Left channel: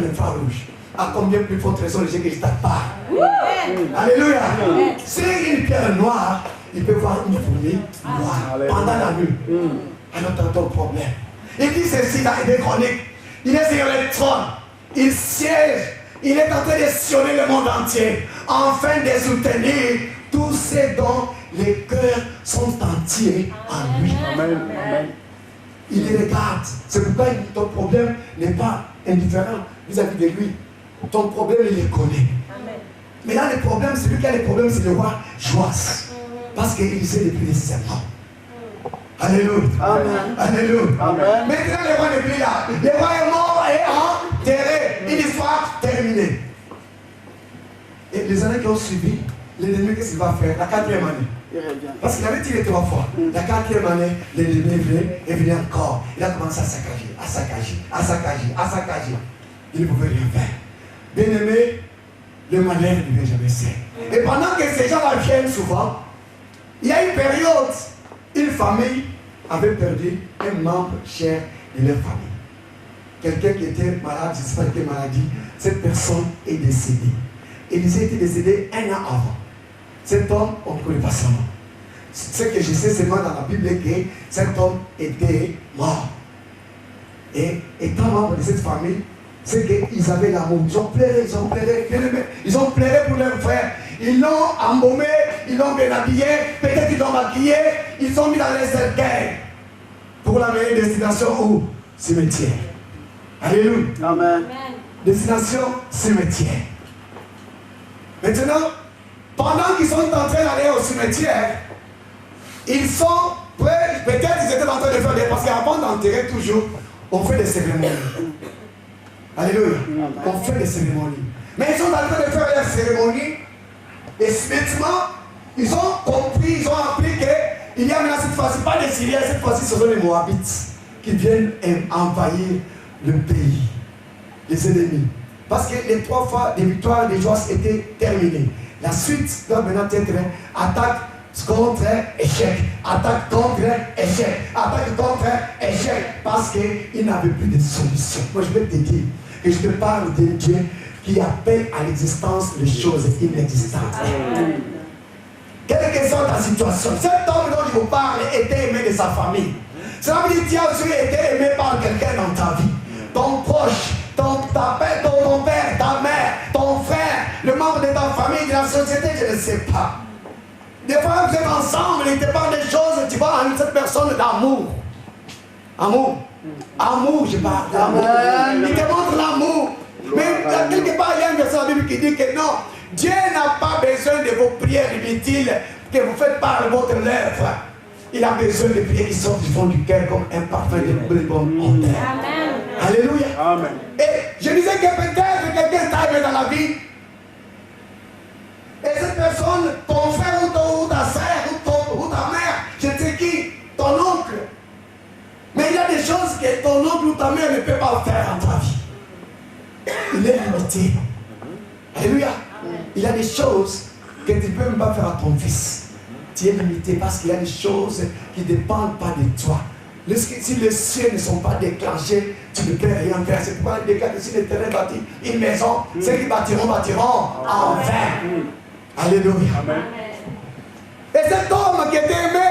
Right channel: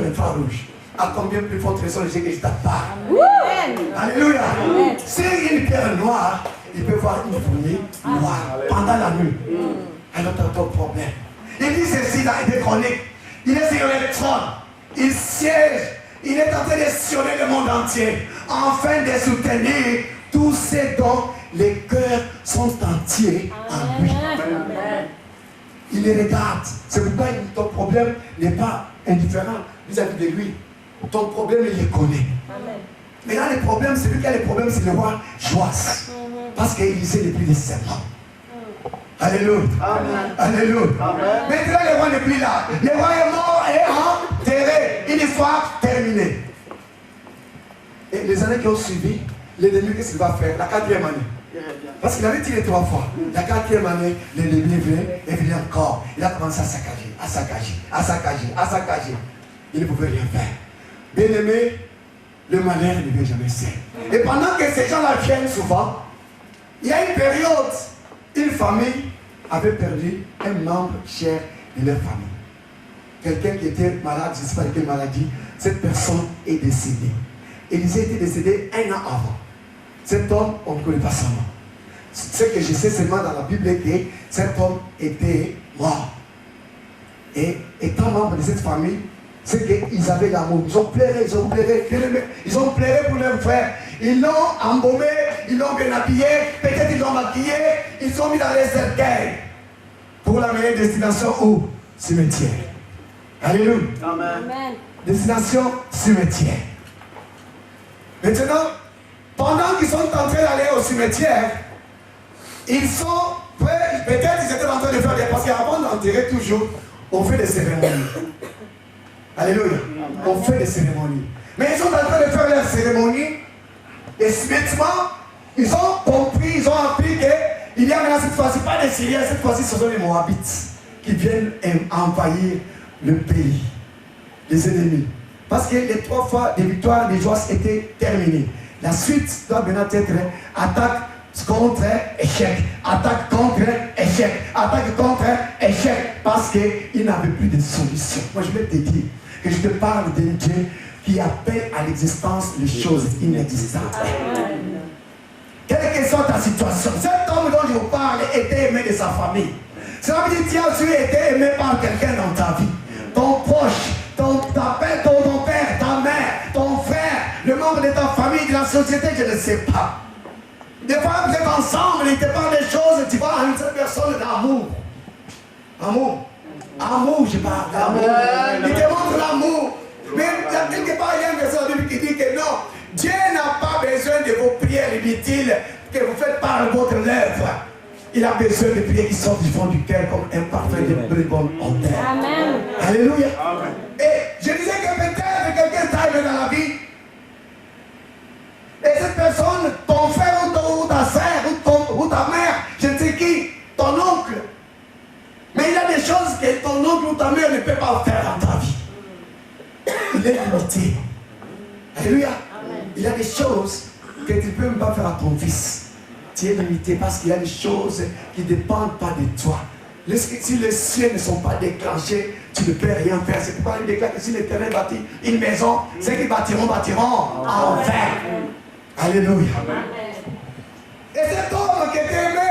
un infrarouge. À combien plus forte raison que je tape pas. Alléluia. C'est une pierre noire, il peut voir une fourmi noire pendant la nuit. Alors t'as ton problème. Il dit ceci dans les chroniques. Il est sur le trône. Il siège. Il est en train de sillonner le monde entier. Afin de soutenir tous ceux dont les cœurs sont entiers en lui. Il les regarde. C'est pourquoi ton problème n'est pas indifférent vis-à-vis de lui. Ton problème, il les connaît. Mais là, le problème, celui qui a le problème, c'est le roi Joas. Parce qu'il sait depuis les serments. Alléluia. Alléluia. Maintenant, le roi n'est plus là. Le roi est mort et enterré. Une fois terminé. Et les années qui ont suivi, l'ennemi, qu'est-ce qu'il va faire? La 4e année. Parce qu'il avait tiré 3 fois. La 4e année, l'ennemi est venu encore. Il a commencé à saccager, à saccager, à saccager, à saccager. Il ne pouvait rien faire. Bien aimé, le malheur ne vient jamais seul. Et pendant que ces gens-là viennent souvent, il y a une période, une famille avait perdu un membre cher de leur famille. Quelqu'un qui était malade, je ne sais pas de quelle maladie, cette personne est décédée. Et il était décédé 1 an avant. Cet homme, on ne connaît pas son nom. Ce que je sais seulement dans la Bible, que cet homme était mort. Et étant membre de cette famille, c'est qu'ils avaient l'amour. Ils ont pleuré, ils ont pleuré, ils ont pleuré pour leur frère. Ils l'ont embaumé, ils l'ont bien habillé, peut-être ils l'ont maquillé, ils ont mis dans les cercueils pour la meilleure destination au cimetière. Alléluia. Amen. Destination cimetière. Maintenant, pendant qu'ils sont en train d'aller au cimetière, ils sont prêts, peut-être ils étaient en train de faire des... Parce qu'avant d'enterrer toujours, on fait des cérémonies. Alléluia. On fait des cérémonies. Mais ils sont en train de faire leurs cérémonies. Et subitement, ils ont compris, ils ont appris qu'il y a maintenant cette fois-ci, pas des Syriens, cette fois-ci ce sont les Moabites qui viennent envahir le pays, les ennemis. Parce que les 3 fois de victoire de Joas étaient terminées. La suite doit maintenant être attaque contre échec, attaque contre échec, attaque contre échec, parce qu'il n'avait plus de solution. Moi je voulais te dire que je te parle d'un Dieu qui appelle à l'existence les choses inexistantes. Quelle que soit ta situation, cet homme dont je vous parle était aimé de sa famille. Cela veut dire que tu as aussi été aimé par quelqu'un dans ta vie. Ton proche, ton père, ta mère, ton frère, le membre de ta famille, de la société, je ne sais pas. Des fois, vous êtes ensemble, il te parle des choses, tu vois à cette personne d'amour. Amour. Amour, je parle d'amour. Il te montre l'amour. Mais là, quelque part, il y a une verset dans la Bible qui dit que non, Dieu n'a pas besoin de vos prières inutiles que vous faites par votre lèvre. Il a besoin de prières qui sortent du fond du cœur comme un parfum de bonne odeur. Alléluia. Amen. Et je disais que peut-être quelqu'un t'a aimé dans la vie. Et cette personne, ton frère ou ta soeur ou ta mère, je ne sais qui, ton oncle. Mais il y a des choses que ton oncle ou ta mère ne peut pas faire dans ta vie. Il est limité. Alléluia. Il y a des choses que tu ne peux même pas faire à ton fils. Tu es limité parce qu'il y a des choses qui ne dépendent pas de toi. Si les cieux ne sont pas déclenchés, tu ne peux rien faire. C'est pourquoi il déclare que si les terrains bâtissent une maison, ceux qui bâtiront en vain. Alléluia. Et cet homme qui était aimé,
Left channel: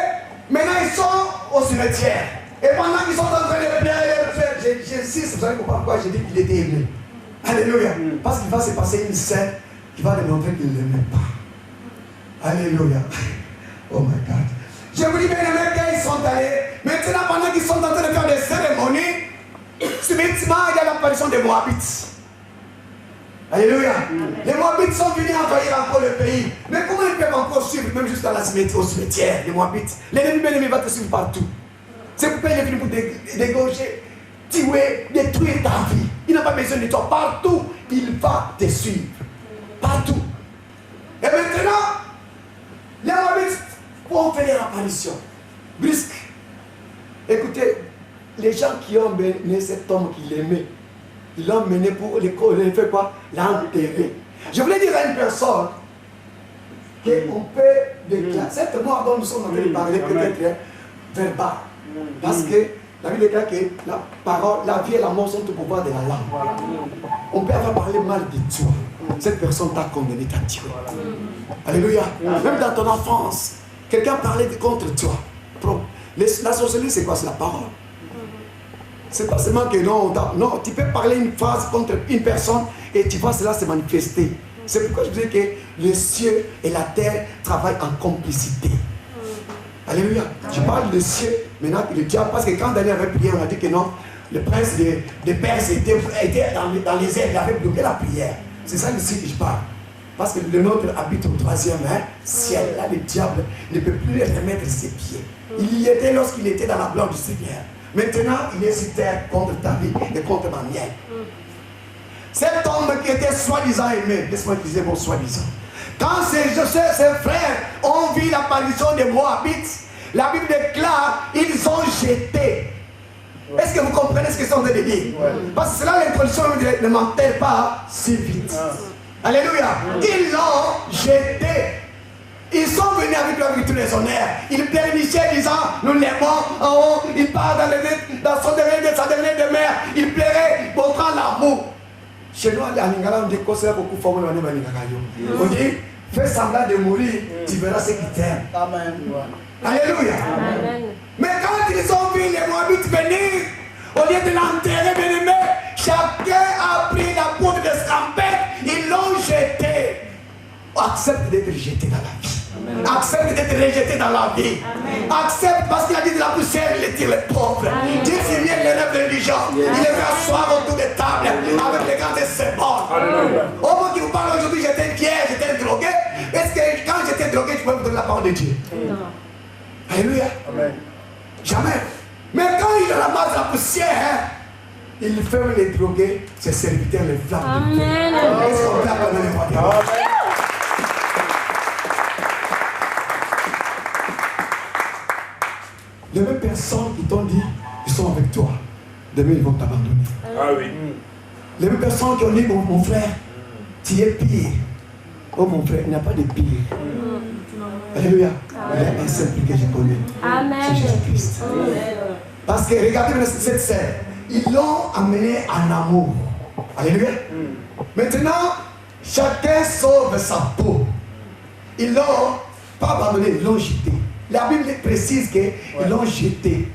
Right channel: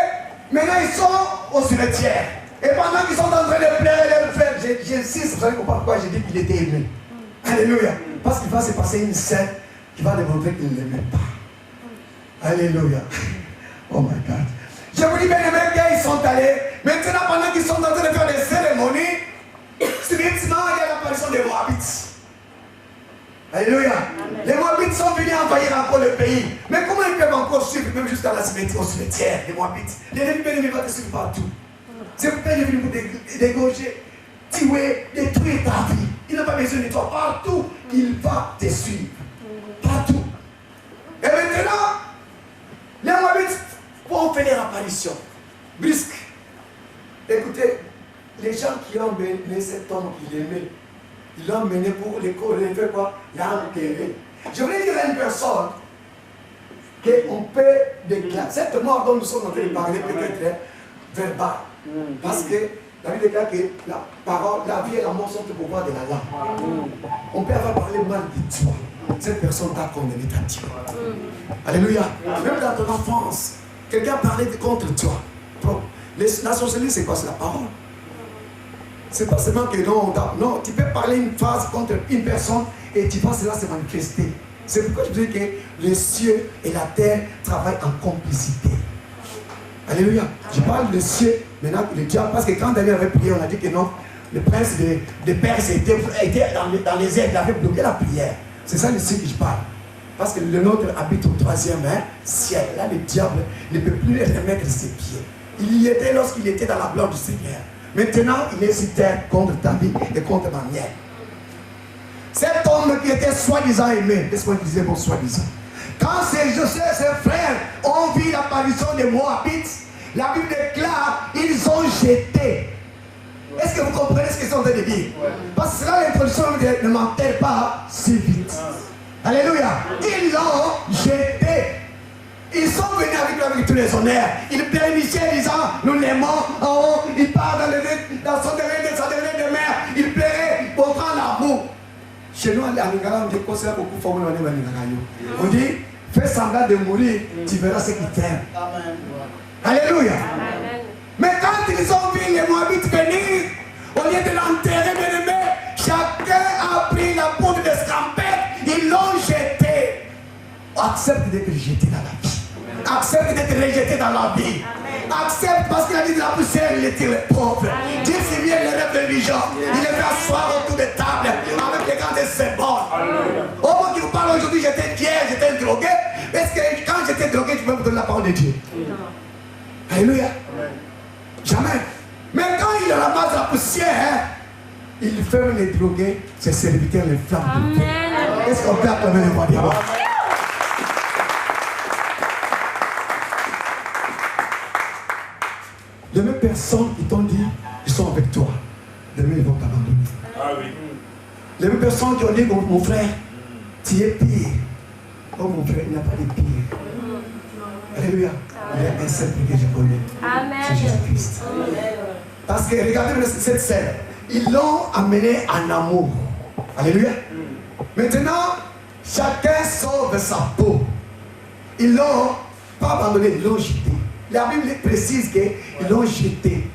maintenant ils sont au cimetière. Et pendant qu'ils sont en train de pleurer et de faire, j'insiste, vous savez pourquoi j'ai dit qu'il était aimé. Alléluia. Parce qu'il va se passer une scène qui va démontrer qu'il ne l'aimait pas. Alléluia. Oh my God. Je vous dis bien aimé qu'ils sont allés. Maintenant, pendant qu'ils sont en train de faire des cérémonies, subitement, il y a l'apparition des Moabites. Alléluia. Les Moabites sont venus envahir encore le pays. Mais comment ils peuvent encore suivre, même jusqu'à au cimetière, les Moabites? L'ennemi bien-aimé va te suivre partout. C'est pourquoi il est venu pour dégaucher, tuer, détruire ta vie. Il n'a pas besoin de toi. Partout, il va te suivre. Partout. Et maintenant, les Moabites vont faire leur apparition. Brusque. Écoutez, les gens qui ont mené cet homme qui l'aimait, ils l'ont mené pour les faire quoi? L'enterrer. Je voulais dire à une personne qu'on peut déclarer. Cette mort dont nous sommes en train de parler peut être verbale. Parce que la Bible déclare que la parole, la vie et la mort sont au pouvoir de la langue. on peut avoir parlé mal de toi. Cette personne t'a condamné, t'a tué. Alléluia. Même dans ton enfance, quelqu'un parlait contre toi. La sorcellerie, c'est quoi? C'est la parole. C'est pas seulement que non, tu peux parler une phrase contre une personne et tu vois cela se manifester. C'est pourquoi je vous dis que les cieux et la terre travaillent en complicité. Alléluia. Je parle des cieux, maintenant le diable, parce que quand Daniel avait prié, on a dit que non, le prince de Perse était dans les airs, il avait bloqué la prière. C'est ça le ciel que je parle. Parce que le nôtre habite au 3e ciel. Là, le diable ne peut plus remettre ses pieds. Il y était lorsqu'il était dans la gloire du Seigneur. Maintenant, il est sur terre contre ta vie et contre ma mienne. Cet homme qui était soi-disant aimé, laisse-moi utiliser mon soi-disant. Quand ses frères ont vu l'apparition des Moabites, la Bible déclare, ils ont jeté. Est-ce que vous comprenez ce que c'est en train de dire? Parce que c'est là l'introduction ne m'enterre pas si vite. Alléluia. Ils l'ont jeté. Ils sont venus avec tous les honneurs. Ils pleurnichaient disant, nous l'aimons en haut. Il part dans sa dernière demeure. Il pleurait, montrant l'amour. Chez nous, à Lingala, on dit qu'on s'est beaucoup formé dans les Maningarayo. On dit, fais semblant de mourir, tu verras ce qui t'aime. Alléluia. Amen. Mais quand ils ont vu les Moabites venir, au lieu de l'enterrer, bien aimé, chacun a pris la poudre de scampette, ils l'ont jeté. Accepte d'être jeté dans la vie. Accepte d'être rejeté dans la vie. Accepte parce qu'il a dit de la poussière, il tire les pauvres. Dieu fit bien les rêves intelligents. Il les fait asseoir autour des tables avec les grands et ses bonnes. Au moment qui vous parle aujourd'hui, j'étais fier, j'étais drogué. Est-ce que quand j'étais drogué, tu peux me donner la parole de Dieu? Alléluia. Amen. Jamais. Mais quand il ramasse la poussière, il ferme les drogués, ses serviteurs, les flammes de feu. Est-ce qu'on peut acclamer les voix de Dieu? Les mêmes personnes qui t'ont dit, ils sont avec toi. Demain, ils vont t'abandonner. Ah oui. Les mêmes personnes qui ont dit, mon frère, tu es pire. Oh mon frère, il n'y a pas de pire. Alléluia. Il y a un seul prix que je connais. C'est Jésus-Christ. Parce que regardez maintenant cette scène. Ils l'ont amené en amour. Alléluia. Maintenant, chacun sauve sa peau. Ils l'ont pas abandonné, ils l'ont jeté. La Bible précise qu'ils l'ont jeté.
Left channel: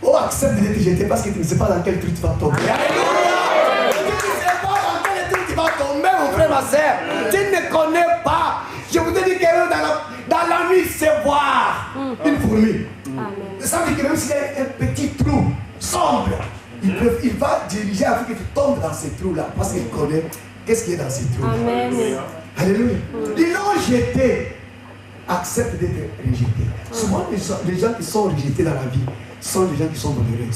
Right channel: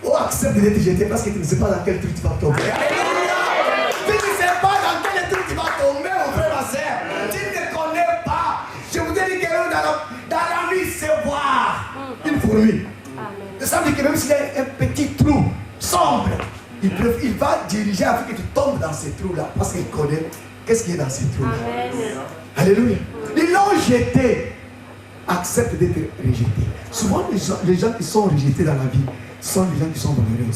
Oh, accepte d'être jeté parce que tu ne sais pas dans quel truc tu vas tomber. Alléluia. Tu ne sais pas dans quel truc tu vas tomber, mon frère, ma soeur. Tu ne connais pas. Je vous ai dit que dans la nuit, c'est voir une fourmi. Ça veut dire que même s'il y a un petit trou sombre, il va diriger afin que tu tombes dans ces trous-là. Parce qu'il connaît qu'est-ce qui est dans ces trous-là. Alléluia. Alléluia. Ils l'ont jeté. Accepte d'être rejeté. Souvent, les gens qui sont rejetés dans la vie sont les gens qui sont malheureux.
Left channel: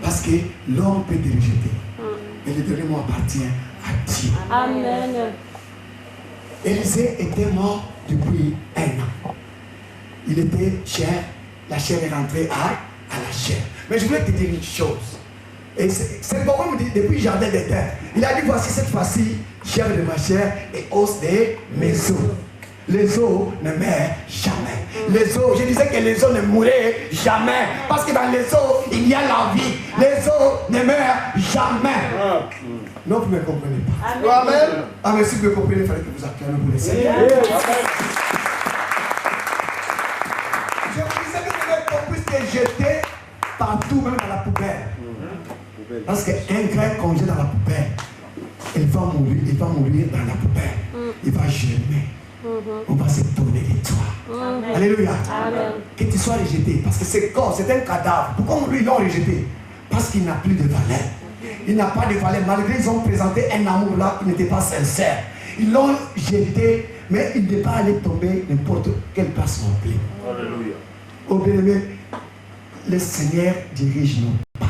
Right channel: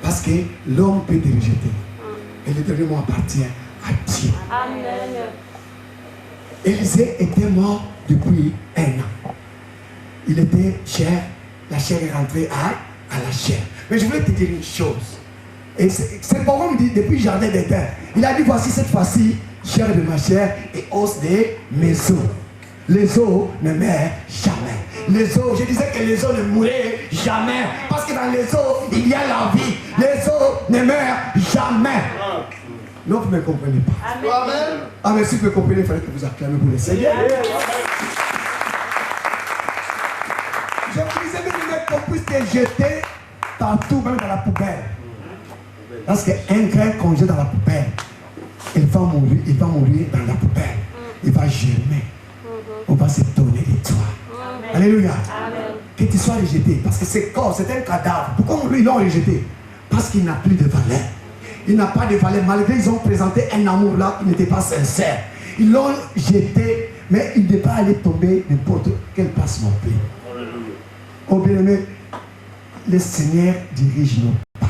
Parce que l'homme peut te rejeter. Et le dernier mot appartient à Dieu. Amen. Élisée était mort depuis 1 an. Il était chair, la chair est rentrée à la chair. Mais je voulais te dire une chose. Et c'est pourquoi on me dit depuis le jardin d'Éden. Il a dit voici cette fois-ci, chair de ma chair et os de mes os. Les os ne meurent jamais. Les os, je disais que les os ne mourraient jamais. Parce que dans les os, il y a la vie. Les os ne meurent jamais. Non, vous ne me comprenez pas. Amen. Ah, mais si vous me comprenez, il fallait que vous acclamez pour le Seigneur. Je vous disais que qu'on puisse te jeter partout, même dans la poubelle. Parce qu'un grain qu'on jette dans la poubelle, il va mourir dans la poubelle. Il va germer. On va s'étonner de toi. Alléluia. Amen. Que tu sois rejeté. Parce que ce corps, c'est un cadavre. Pourquoi ils l'ont rejeté? Parce qu'il n'a plus de valeur. Il n'a pas de valeur. Malgré qu'ils ont présenté un amour là qui n'était pas sincère. Ils l'ont jeté, mais il n'est pas allé tomber n'importe quelle place non plus. Alléluia. Oh bien-aimé, le Seigneur dirige nos pas.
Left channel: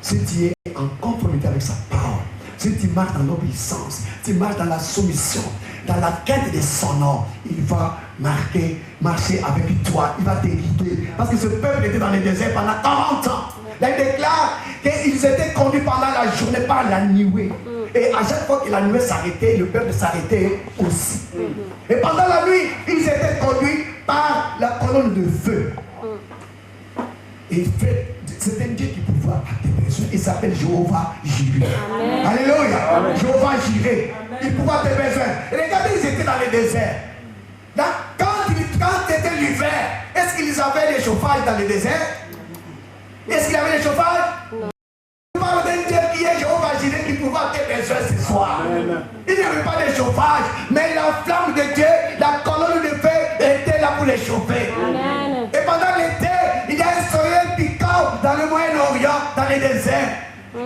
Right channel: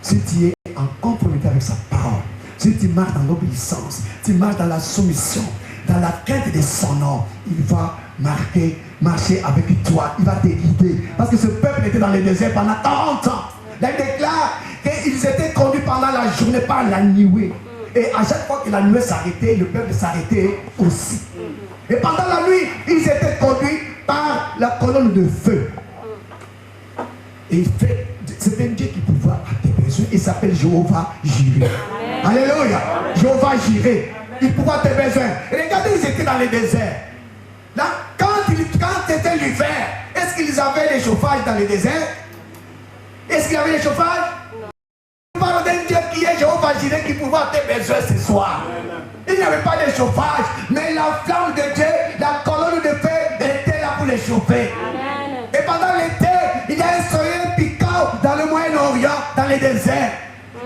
Si tu es en conformité avec sa parole, si tu marches dans l'obéissance, tu marches dans la soumission, dans la quête de son nom, il va marcher avec toi, il va te guider. Parce que ce peuple était dans le désert pendant 40 ans. Il déclare qu'ils étaient conduits pendant la journée par la nuée. Et à chaque fois que la nuée s'arrêtait, le peuple s'arrêtait aussi. Et pendant la nuit, ils étaient conduits par la colonne de feu. Et c'est un Dieu qui pourvoit à tes besoins. Il s'appelle Jéhovah Jireh. gérer. Il pouvait te besoin. Regardez, ils étaient dans le désert. Là, quand c'était l'hiver, est-ce qu'ils avaient le chauffage dans le désert? Est-ce qu'il y avait le chauffage? On parle d'un Dieu qui est Jéhovah Jireh qui pouvait te besoin ce soir. Il n'y avait pas de chauffage, mais la flamme de Dieu, la colonne de feu était là pour les chauffer. Et pendant l'été, il y a un soleil piquant dans le Moyen-Orient, dans le désert.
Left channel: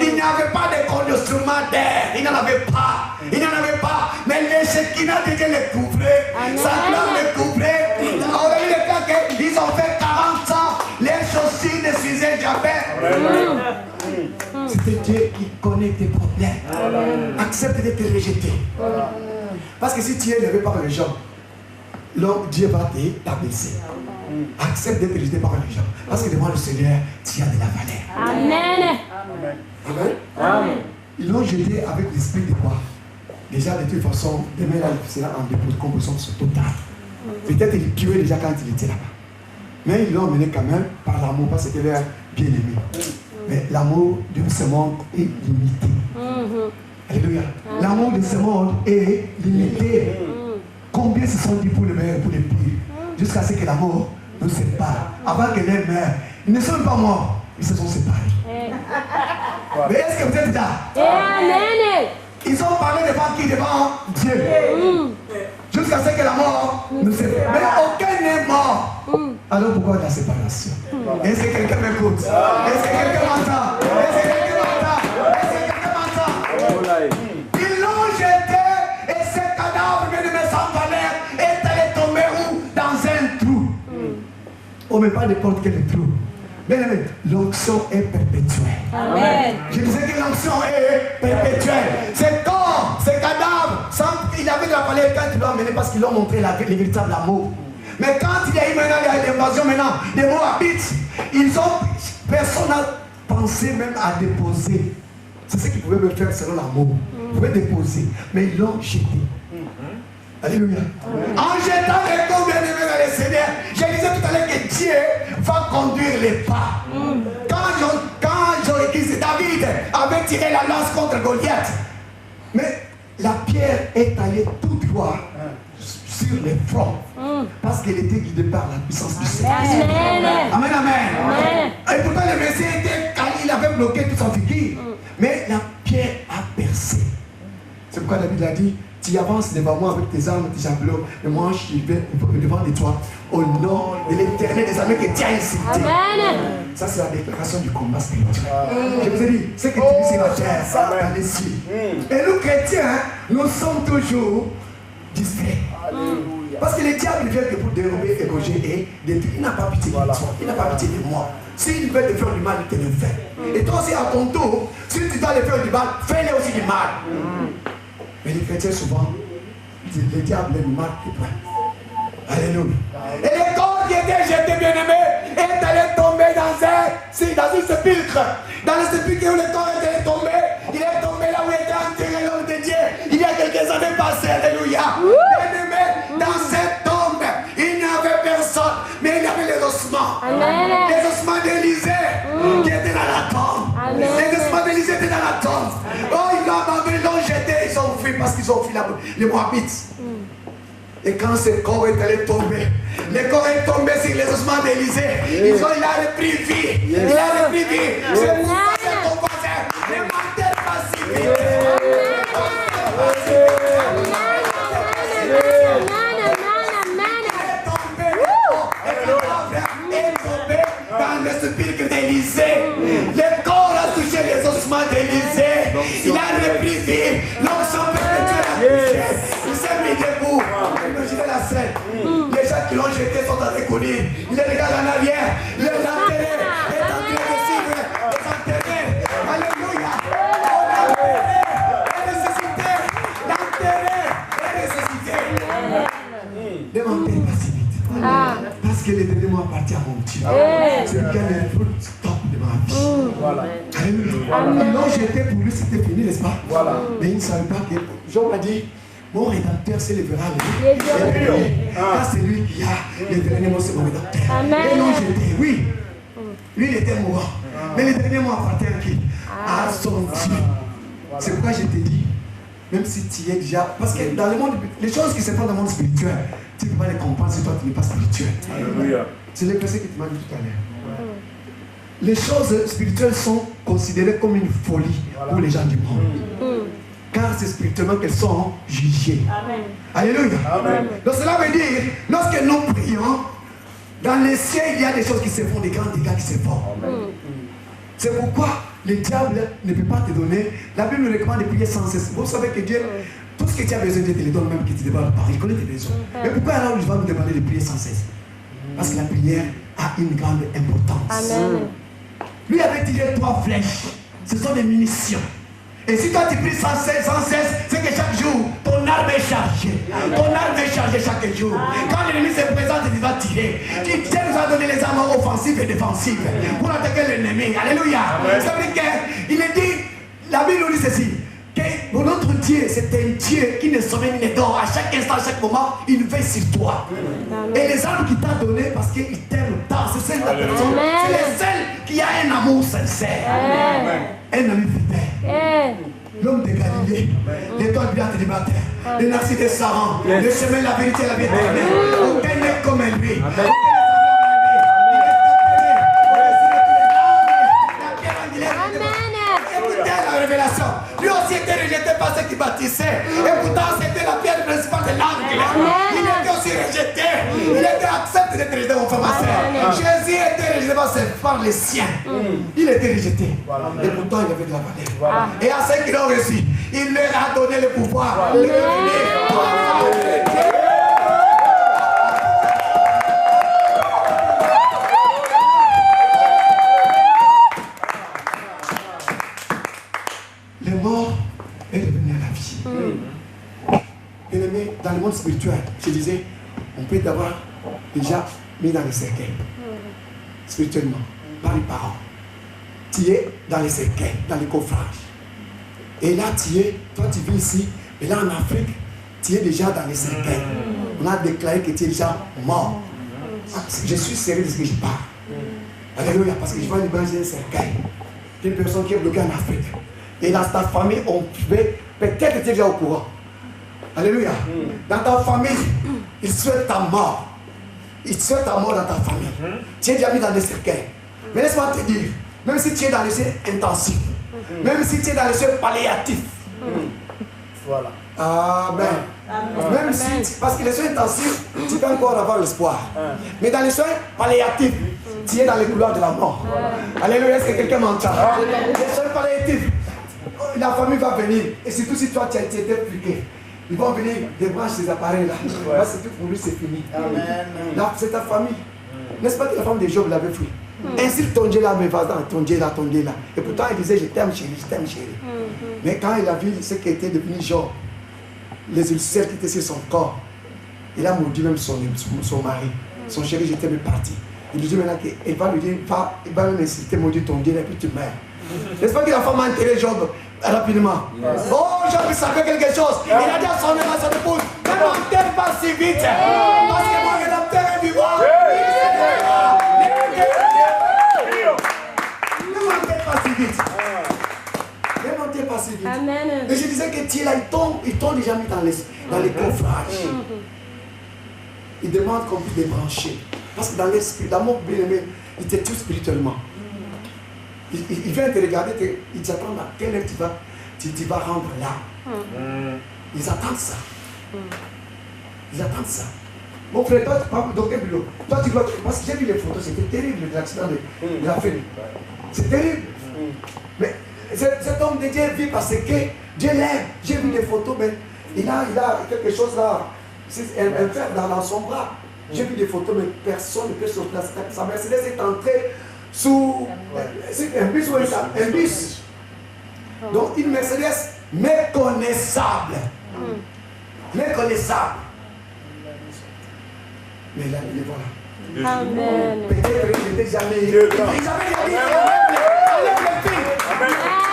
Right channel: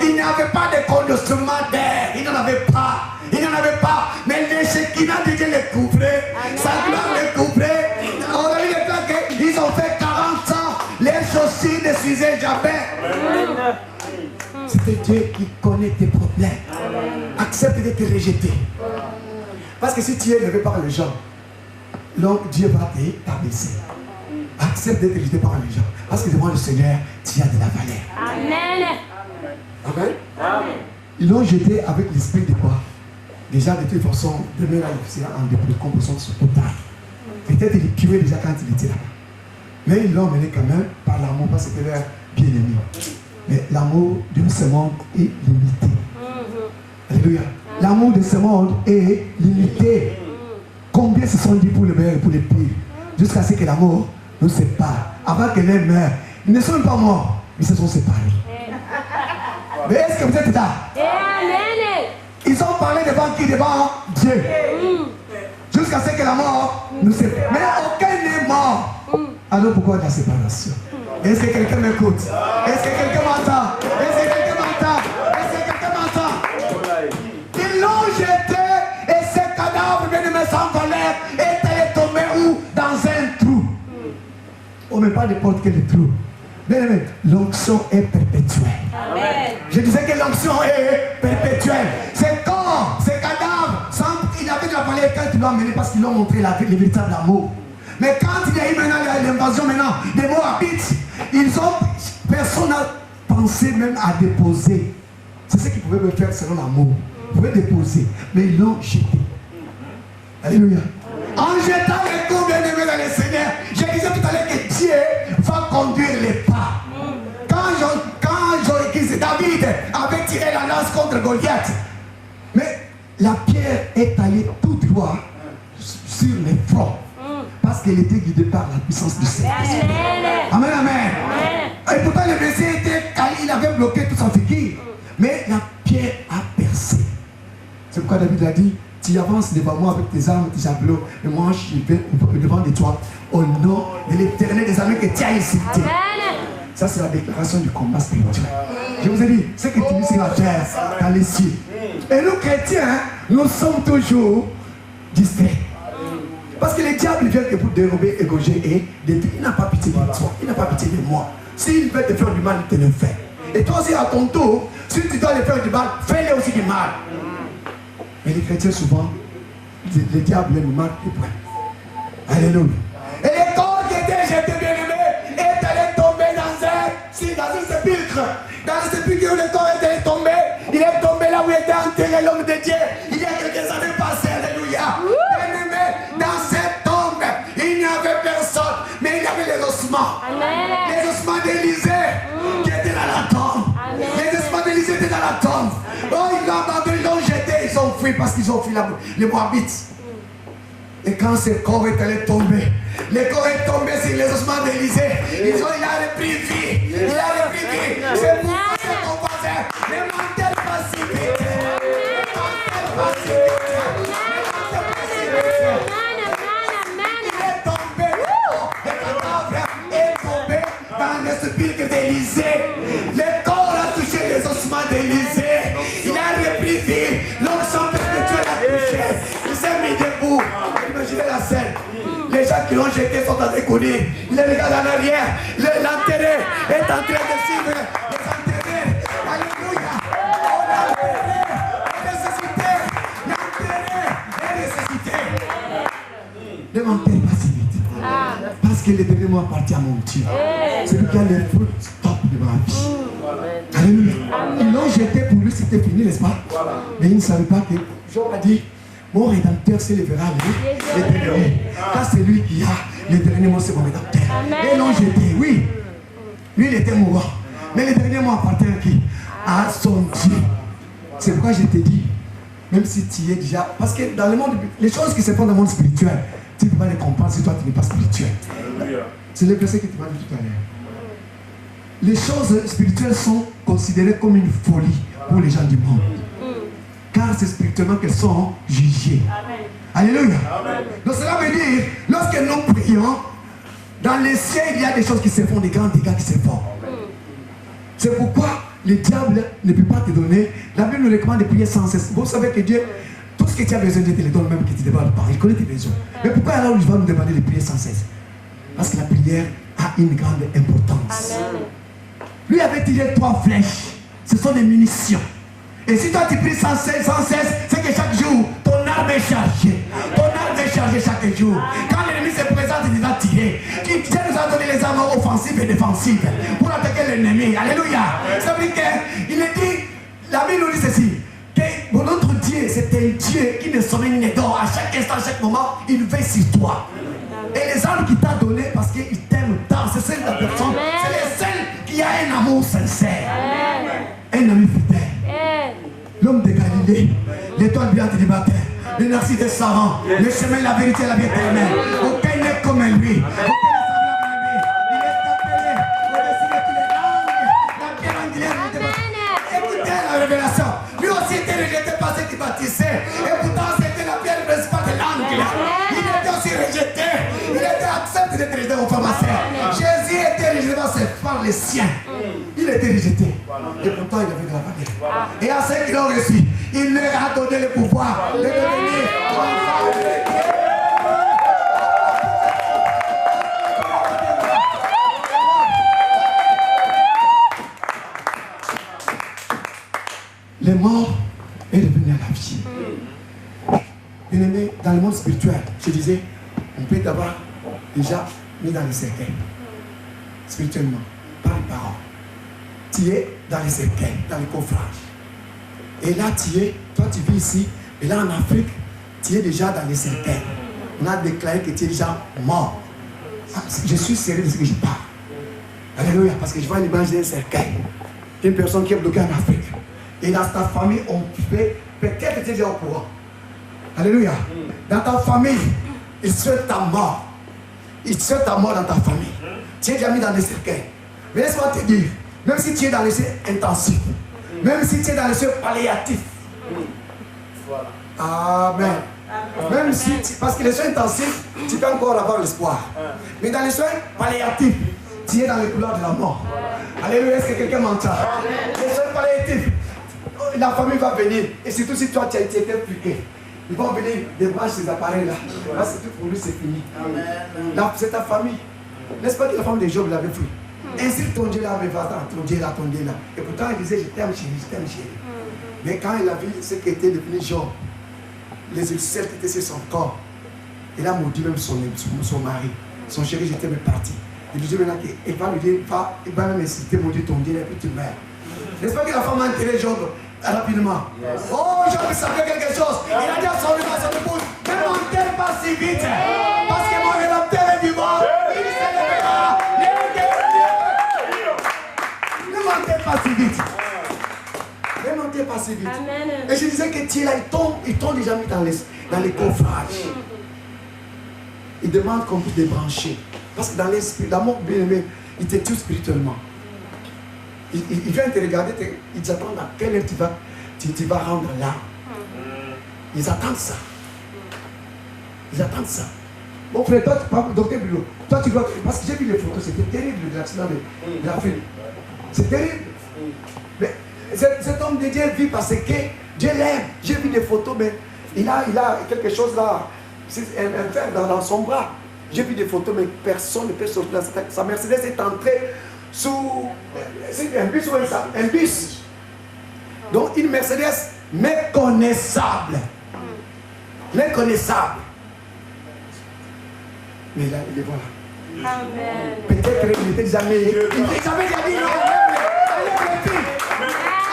Il n'y avait pas de conditionnement d'air, il n'en avait pas. Il n'en avait pas, mais les Shekinah de Dieu les couvrait, sa gloire les couvrait. On a vu les plaques, ils ont fait 40 ans, les chaussures ne s'usaient jamais. C'est Dieu qui connaît tes problèmes. Accepte d'être rejeté. Parce que si tu es élevé par les gens, Dieu va t'abaisser. Accepte d'être rejeté par les gens. Parce que devant le Seigneur, tu as de la valeur. Amen. Amen. Amen. Ils l'ont jeté avec l'esprit de quoi? Déjà, de toute façon, demain là, il sera en dépôt de composition totale. Peut-être il tuait déjà quand il était là-bas. Mais ils l'ont mené quand même par l'amour, parce que c'était leur bien-aimé. Mais l'amour de ce monde est limité. Alléluia. L'amour de ce monde est limité. Combien se sont dit pour le meilleur et pour le pire? Jusqu'à ce que l'amour nous sépare. Avant que l'un meure, ils ne sont pas morts, ils se sont séparés. Mais est-ce que vous êtes là? Ils ont parlé devant qui? Devant Dieu. Jusqu'à ce que la mort nous sépare. Mais aucun n'est mort. Alors pourquoi la séparation? Est-ce que quelqu'un m'écoute? Est-ce que quelqu'un m'entend? Est-ce que quelqu'un m'entend? Est-ce que quelqu'un m'entend? Ils l'ont jeté et ce cadavre venu me sans valeur est allé tomber où? Dans un trou. Oh, mais pas n'importe quel trou. Mais l'onction est perpétuelle. Amen. Je disais que l'onction est perpétuelle. Ces corps, ces cadavres, il avait de la valeur quand il l'a mené parce qu'ils l'ont montré le véritable amour. Mais quand il y a eu maintenant l'invasion des Moabites, personne n'a pensé même à déposer. C'est ce qu'ils pouvaient me faire selon l'amour. Ils pouvaient déposer, mais ils l'ont jeté. Alléluia. En jetant les coups bien aimés dans le Seigneur, je disais tout à l'heure que Dieu va conduire les pas. Quand David avait tiré la lance contre Goliath, mais la pierre est allée tout droit sur les fronts. Parce qu'il était guidé par la puissance du Seigneur. Amen, amen. Et pourtant le Messie était calé, il avait bloqué tout son figure. Mais la pierre a percé. C'est pourquoi David a dit, tu avances devant moi avec tes armes, tes javelots, et moi je vais devant de toi au nom de l'Éternel des armées que tu as insulté. Ça c'est la déclaration du combat spirituel. Je vous ai dit, ce que tu vis sur la terre, dans les cieux. Et nous chrétiens, nous sommes toujours distraits. Parce que le diable vient que pour dérober, égorger et détruire. Il n'a pas pitié de toi, il n'a pas pitié de moi. S'il veut te faire du mal, il te le fait. Et toi aussi à ton tour, si tu dois le faire du mal, fais-le aussi du mal. Mais les chrétiens souvent, le diable nous marque les points. Alléluia. Et le corps qui était jeté, bien aimé, est allé tomber dans une sépulcre. Dans le sépulcre où le corps est allé tomber, il est tombé là où était enterré l'homme de Dieu. Il y a quelques années passées, alléluia. Bien aimé, dans cette tombe, il n'y avait personne, mais il y avait les ossements. Amen. Les ossements d'Élisée qui étaient dans la tombe. Amen. Les ossements d'Élisée étaient dans la tombe. Oh, ils l'ont abandonné, ils l'ont jeté, ils ont fui parce qu'ils ont fui les Moabites. Et quand ce corps est allé tomber, le corps est tombé sur les ossements d'Élisée. Il a repris vie. Il a repris vie. C'est pour ça que ton voisin, ne mentez pas si vite. Ne mentez pas si vite. Il est tombé, le cadavre est tombé dans le sépulcre d'Élisée. Le corps a touché les ossements d'Élisée. Il a repris vie. L'onction perpétuelle a touché. Il s'est mis debout. Imaginez la scène. Les gens qui l'ont jeté sont en train de courir. Les gars en arrière, l'enterré est en train de suivre les enterrés. Alléluia. On l'a enterré et ressuscité. L'enterré est ressuscité. Ne mentez pas si vite. Parce que le dernier mot appartient à mon Dieu. C'est lui qui a les fruits top de ma vie. Alléluia. Ils l'ont jeté pour lui, c'était fini, n'est-ce pas? Mais ils ne savaient pas que Job a dit, mon rédempteur s'élèvera l'éternel. Car c'est lui qui a l'éternel, c'est mon rédempteur. Et non jeté, oui. Lui, il était mourant. Mais le dernier mot appartient à qui? À son Dieu. C'est pourquoi je te dis, même si tu es déjà... Parce que dans le monde, les choses qui se font dans le monde spirituel, tu ne peux pas les comprendre si toi tu n'es pas spirituel. C'est le verset qui te m'a dit tout à l'heure. Les choses spirituelles sont considérées comme une folie pour les gens du monde. Car c'est spirituellement qu'elles sont jugées. Amen. Alléluia. Amen. Donc cela veut dire, lorsque nous prions, dans les cieux, il y a des choses qui se font, des grands dégâts qui se font. C'est pourquoi le diable ne peut pas te donner. La Bible nous recommande de prier sans cesse. Vous savez que Dieu, tout ce que tu as besoin, Dieu te le donne, même que tu ne demandes pas. Il connaît tes besoins. Mais pourquoi alors il va nous demander de prier sans cesse? Parce que la prière a une grande importance. Amen. Lui avait tiré 3 flèches. Ce sont des munitions. Et si toi tu pries sans cesse, c'est que chaque jour, ton arme est chargée. Ton arme est chargée chaque jour. Quand l'ennemi se présente, il va tirer. Dieu nous a donné les armes offensives et défensives pour attaquer l'ennemi. Alléluia. Ça veut dire qu'il est dit, la Bible nous dit ceci, que notre Dieu, c'est un Dieu qui ne sommeille ni ne dort. À chaque instant, à chaque moment, il veille sur toi. Et les armes qu'il t'a données, parce qu'il t'aime tant, c'est celle de la personne, c'est les seuls qui a un amour sincère. Un ami fidèle. L'homme de Galilée, l'étoile brillante du matin, le narcisse de Saran, le chemin, la vérité, la vie éternelle. Aucun n'est comme lui. Aucun n'est semblable à lui. Il est appelé au-dessus de toutes les langues. La pierre angulaire du débat. Écoutez la révélation. Lui aussi était rejeté par ceux qui bâtissaient. Et pourtant, c'était la pierre principale de l'angle. Il était aussi rejeté. Il était accepté d'être rejeté aux femmes à sœurs. Jésus était rejeté par les siens. Il était rejeté. Et pourtant, il avait de la valeur. Et à ceux qui l'ont reçu, il leur a donné le pouvoir de devenir enfants de Dieu. Les morts est revenu à la vie. Bien aimé, dans le monde spirituel, je disais, on peut t'avoir déjà mis dans les cercueils, spirituellement, par les paroles. Tu es dans les cercueils, dans les coffrages. Et là, toi tu vis ici, et là en Afrique, tu es déjà dans les cercueils. On a déclaré que tu es déjà mort. Je suis sérieux de ce que je parle. Alléluia, parce que je vois une image d'un cercueil. Une personne qui est bloquée en Afrique. Et dans ta famille, on pouvait, peut-être que tu es déjà au courant. Alléluia. Dans ta famille, ils souhaitent ta mort. Ils souhaitent ta mort dans ta famille. Tu es déjà mis dans des cercueils. Mais laisse-moi te dire, même si tu es dans les soins intensifs, même si tu es dans les soins palliatifs, Amen. Même si, parce que les soins intensifs, tu peux encore avoir l'espoir. Mais dans les soins palliatifs, tu es dans les couloirs de la mort. Alléluia, est-ce que quelqu'un m'entend? Les soins palliatifs, la famille va venir. Et surtout si toi tu as été impliqué, ils vont venir débrancher ces appareils-là. Parce que tout pour lui c'est fini. C'est ta famille. N'est-ce pas que la femme de Job l'avait pris? Ainsi ton Dieu là, mais va dans ton Dieu là, ton Dieu là. Et pourtant il disait je t'aime chérie, je t'aime chérie. Mais quand il a vu ce qui était devenu Job, les ulcères qui étaient sur son corps, il a maudit même son mari. Son chéri, je t'aime parti. Il lui dit maintenant qu'il va lui dire, il va même insister, maudit ton Dieu et puis tu meurs. N'est-ce pas que la femme a enterré Job rapidement? Oh, Job savait quelque chose. Il a dit à son épouse, ne m'enterre pas si vite. Parce que mon rédempteur est vivant. Il se lèvera. Ne m'enterre pas si vite. Ne m'enterre pas si vite. Et je disais que tu es là, ils t'ont déjà mis dans les coffrages. Ils demandent qu'on puisse les brancher. Parce que dans l'esprit, l'amour bien-aimé, il te tue spirituellement. Ils viennent te regarder, ils attendent à quelle heure tu vas rendre là. Ils attendent ça. Ils attendent ça. Mon frère, toi, docteur Bilo, toi tu vois, parce que j'ai vu les photos, c'était terrible l'accident de la fille. C'est terrible. Mais cet homme de Dieu vit parce que Dieu l'aime. J'ai vu des photos, mais il a quelque chose là, un fer dans son bras. J'ai vu des photos, mais personne ne peut sortir. Sa Mercedes est entrée sous un bus ou un bus. Donc une Mercedes méconnaissable. Méconnaissable. Mais il est voilà. Peut-être qu'il était jamais. Isabelle a dit enlève les filles.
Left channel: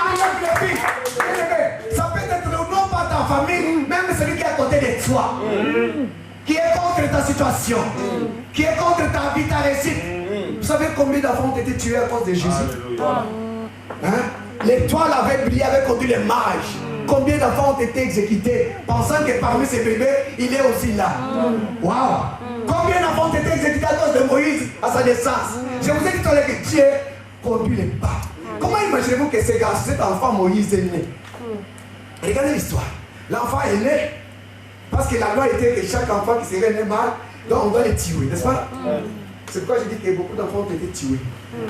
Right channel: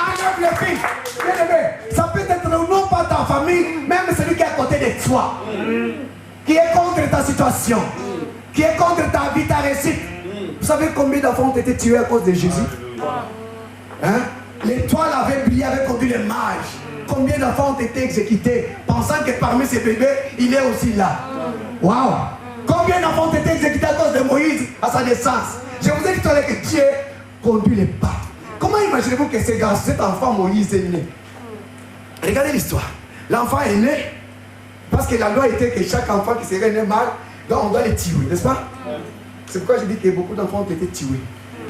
Enlève les filles. Ça peut être non pas ta famille, même celui qui est à côté de toi. Qui est contre ta situation, qui est contre ta vie, ta réussite. Vous savez combien d'enfants ont été tués à cause de Jésus? Hein? L'étoile avait brillé, avait conduit les mages. Combien d'enfants ont été exécutés, pensant que parmi ces bébés, il est aussi là. Waouh! Combien d'enfants ont été exécutés à cause de Moïse, à sa naissance? Je vous ai dit tout à l'heure que Dieu conduit les pas. Comment imaginez-vous que cet enfant Moïse est né? Regardez l'histoire. L'enfant est né parce que la loi était que chaque enfant qui serait né mal, donc on doit les tuer, n'est-ce pas? C'est pourquoi je dis que beaucoup d'enfants ont été tués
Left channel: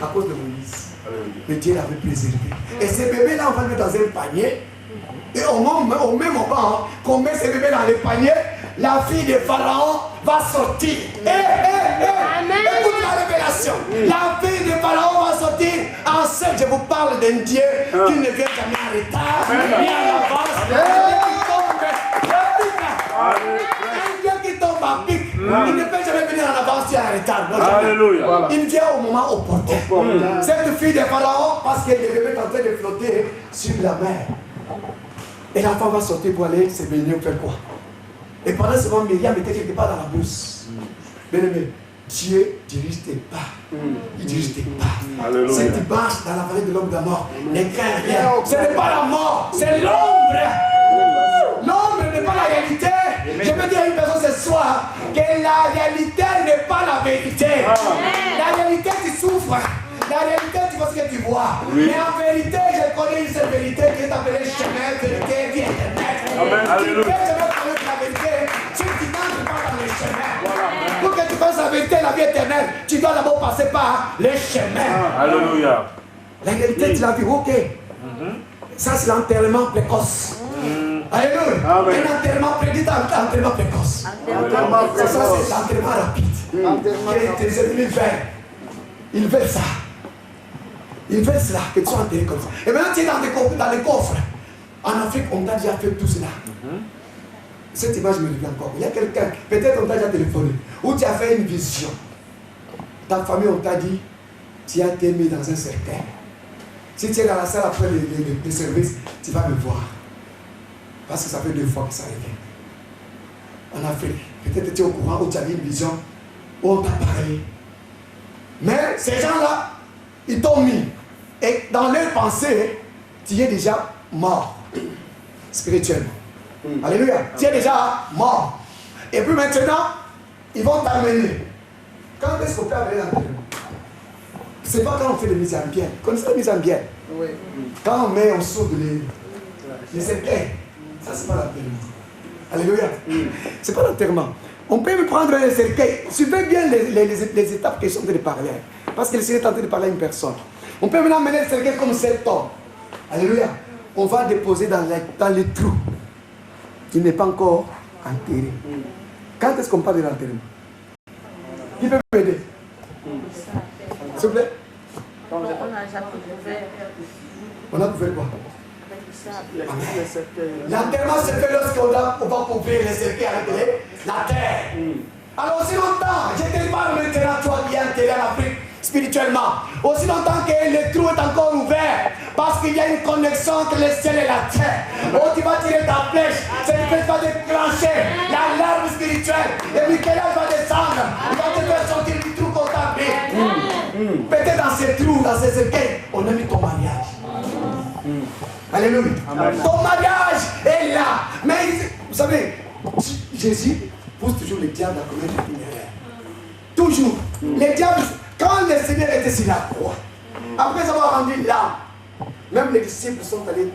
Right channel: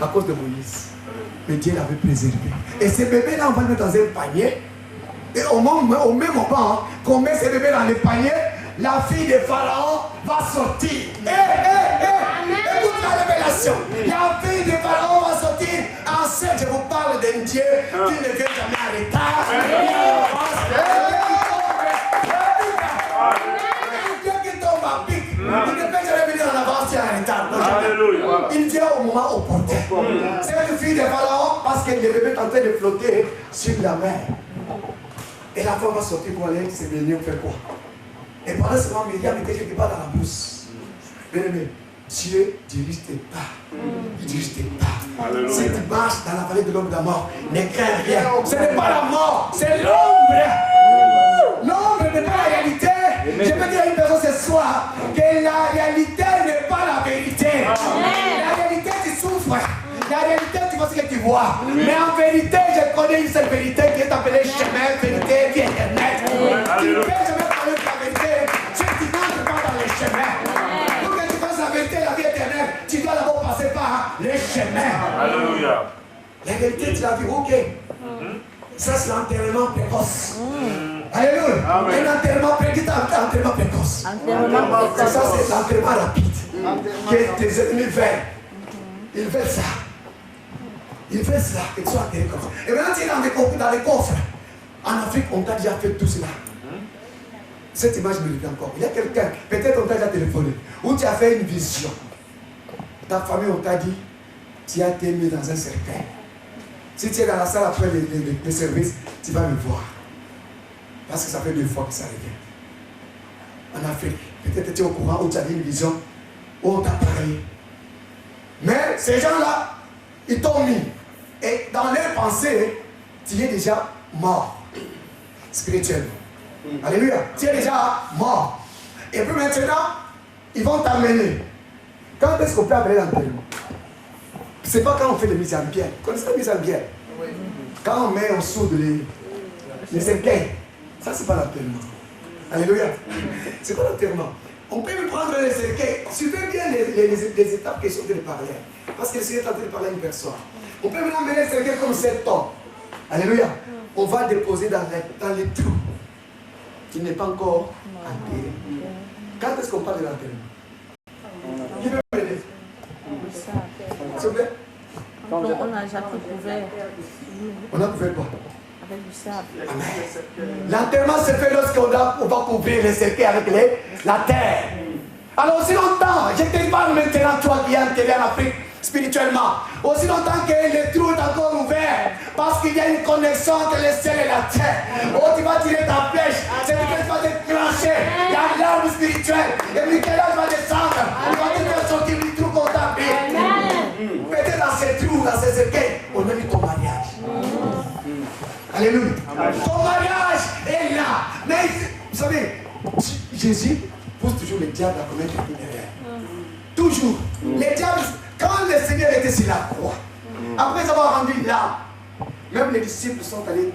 à cause de Moïse. Mais Dieu l'avait préservé. Et ces bébés-là, on va le mettre dans un panier. Et au même moment qu'on met ces bébés dans le panier, la fille de Pharaon va sortir. Écoute la révélation. La fille de Pharaon va sortir enceinte. Je vous parle d'un Dieu qui ne vient jamais en retard, ni en avance. Un Dieu qui tombe à pic. Un Dieu qui tombe à pic. Il ne peut jamais venir en avance ni en retard. Non, jamais. Il vient au moment opportun. Cette fille de Pharaon, parce que le bébé est en train de flotter sur la mer. Et l'enfant va sortir pour aller se baigner, faire quoi? Et pendant ce moment, Myriam était quelque part dans la brousse. Bien aimé, Dieu dirige tes pas. Il dirige tes pas. Si tu marches dans la vallée de l'ombre de la mort, ne crains rien. Ce n'est pas la mort, c'est l'ombre. L'ombre n'est pas la réalité. Je veux dire à une personne ce soir que la réalité n'est pas la vérité. La réalité, tu souffres. La réalité, tu vois ce que tu vois. Mais en vérité, je connais une seule vérité qui est appelée chemin, vérité, vie éternelle. Tu ne peux jamais connaître la vérité si tu n'entres pas dans les chemins. Pour que tu connaisses la vérité, la vie éternelle, tu dois d'abord passer par les chemins. Alléluia. La réalité, tu l'as vu, ok. Ça, c'est l'enterrement précoce. Alléluia. Un enterrement précoce. C'est ça, c'est l'enterrement rapide. Que tes ennemis veulent. Ils veulent ça. Ils veulent cela, que tu sois enterré comme ça. Et maintenant, tu es dans les coffres. En Afrique, on t'a déjà fait tout cela. Cette image me revient encore. Il y a quelqu'un, peut-être on t'a déjà téléphoné, où tu as fait une vision. Ta famille, on t'a dit, tu as été mis dans un cercueil. Si tu es dans la salle après les services, tu vas me voir. Parce que ça fait 2 fois que ça revient. En Afrique, peut-être tu es au courant, où tu as vu une vision, où on t'a parlé. Mais ces gens-là, ils t'ont mis. Et dans leurs pensées, tu es déjà mort. Spirituellement. Alléluia. Tu es déjà mort. Et puis maintenant, ils vont t'amener. Quand est-ce qu'on peut appeler l'enterrement? C'est pas quand on fait les mises en bielle. Vous connaissez les mises en bielle? Quand on soude les cercueils. Ça, c'est pas l'enterrement. Alléluia. C'est pas l'enterrement. On peut prendre les cercueils. Suivez bien les étapes que je suis en train de parler. Parce que le Seigneur est en train de parler à une personne. On peut maintenant mener le cercueil comme cet homme. Alléluia. On va déposer dans les trous. Il n'est pas encore enterré. Quand est-ce qu'on parle de l'enterrement? Qui peut m'aider? S'il vous plaît? On a couvert quoi? Amen. L'enterrement se fait lorsqu'on va couvrir les cercueils avec la terre. Alors aussi longtemps, je te parle maintenant, toi qui es enterré en Afrique spirituellement, aussi longtemps que le trou est encore ouvert, parce qu'il y a une connexion entre le ciel et la terre. Oh, tu vas tirer ta flèche, cette flèche va déclencher l'alarme spirituelle, et Michel-Ange va descendre, il va te faire sortir du trou qu'on t'a mis. Peut-être dans ces trous, dans ces cercueils, on a mis ton mariage. Alléluia. Ton mariage est là. Mais vous savez, Jésus pousse toujours le diable à commettre une erreur. Toujours. Le diable, quand le Seigneur était sur la croix, après avoir rendu l'âme, même les disciples sont allés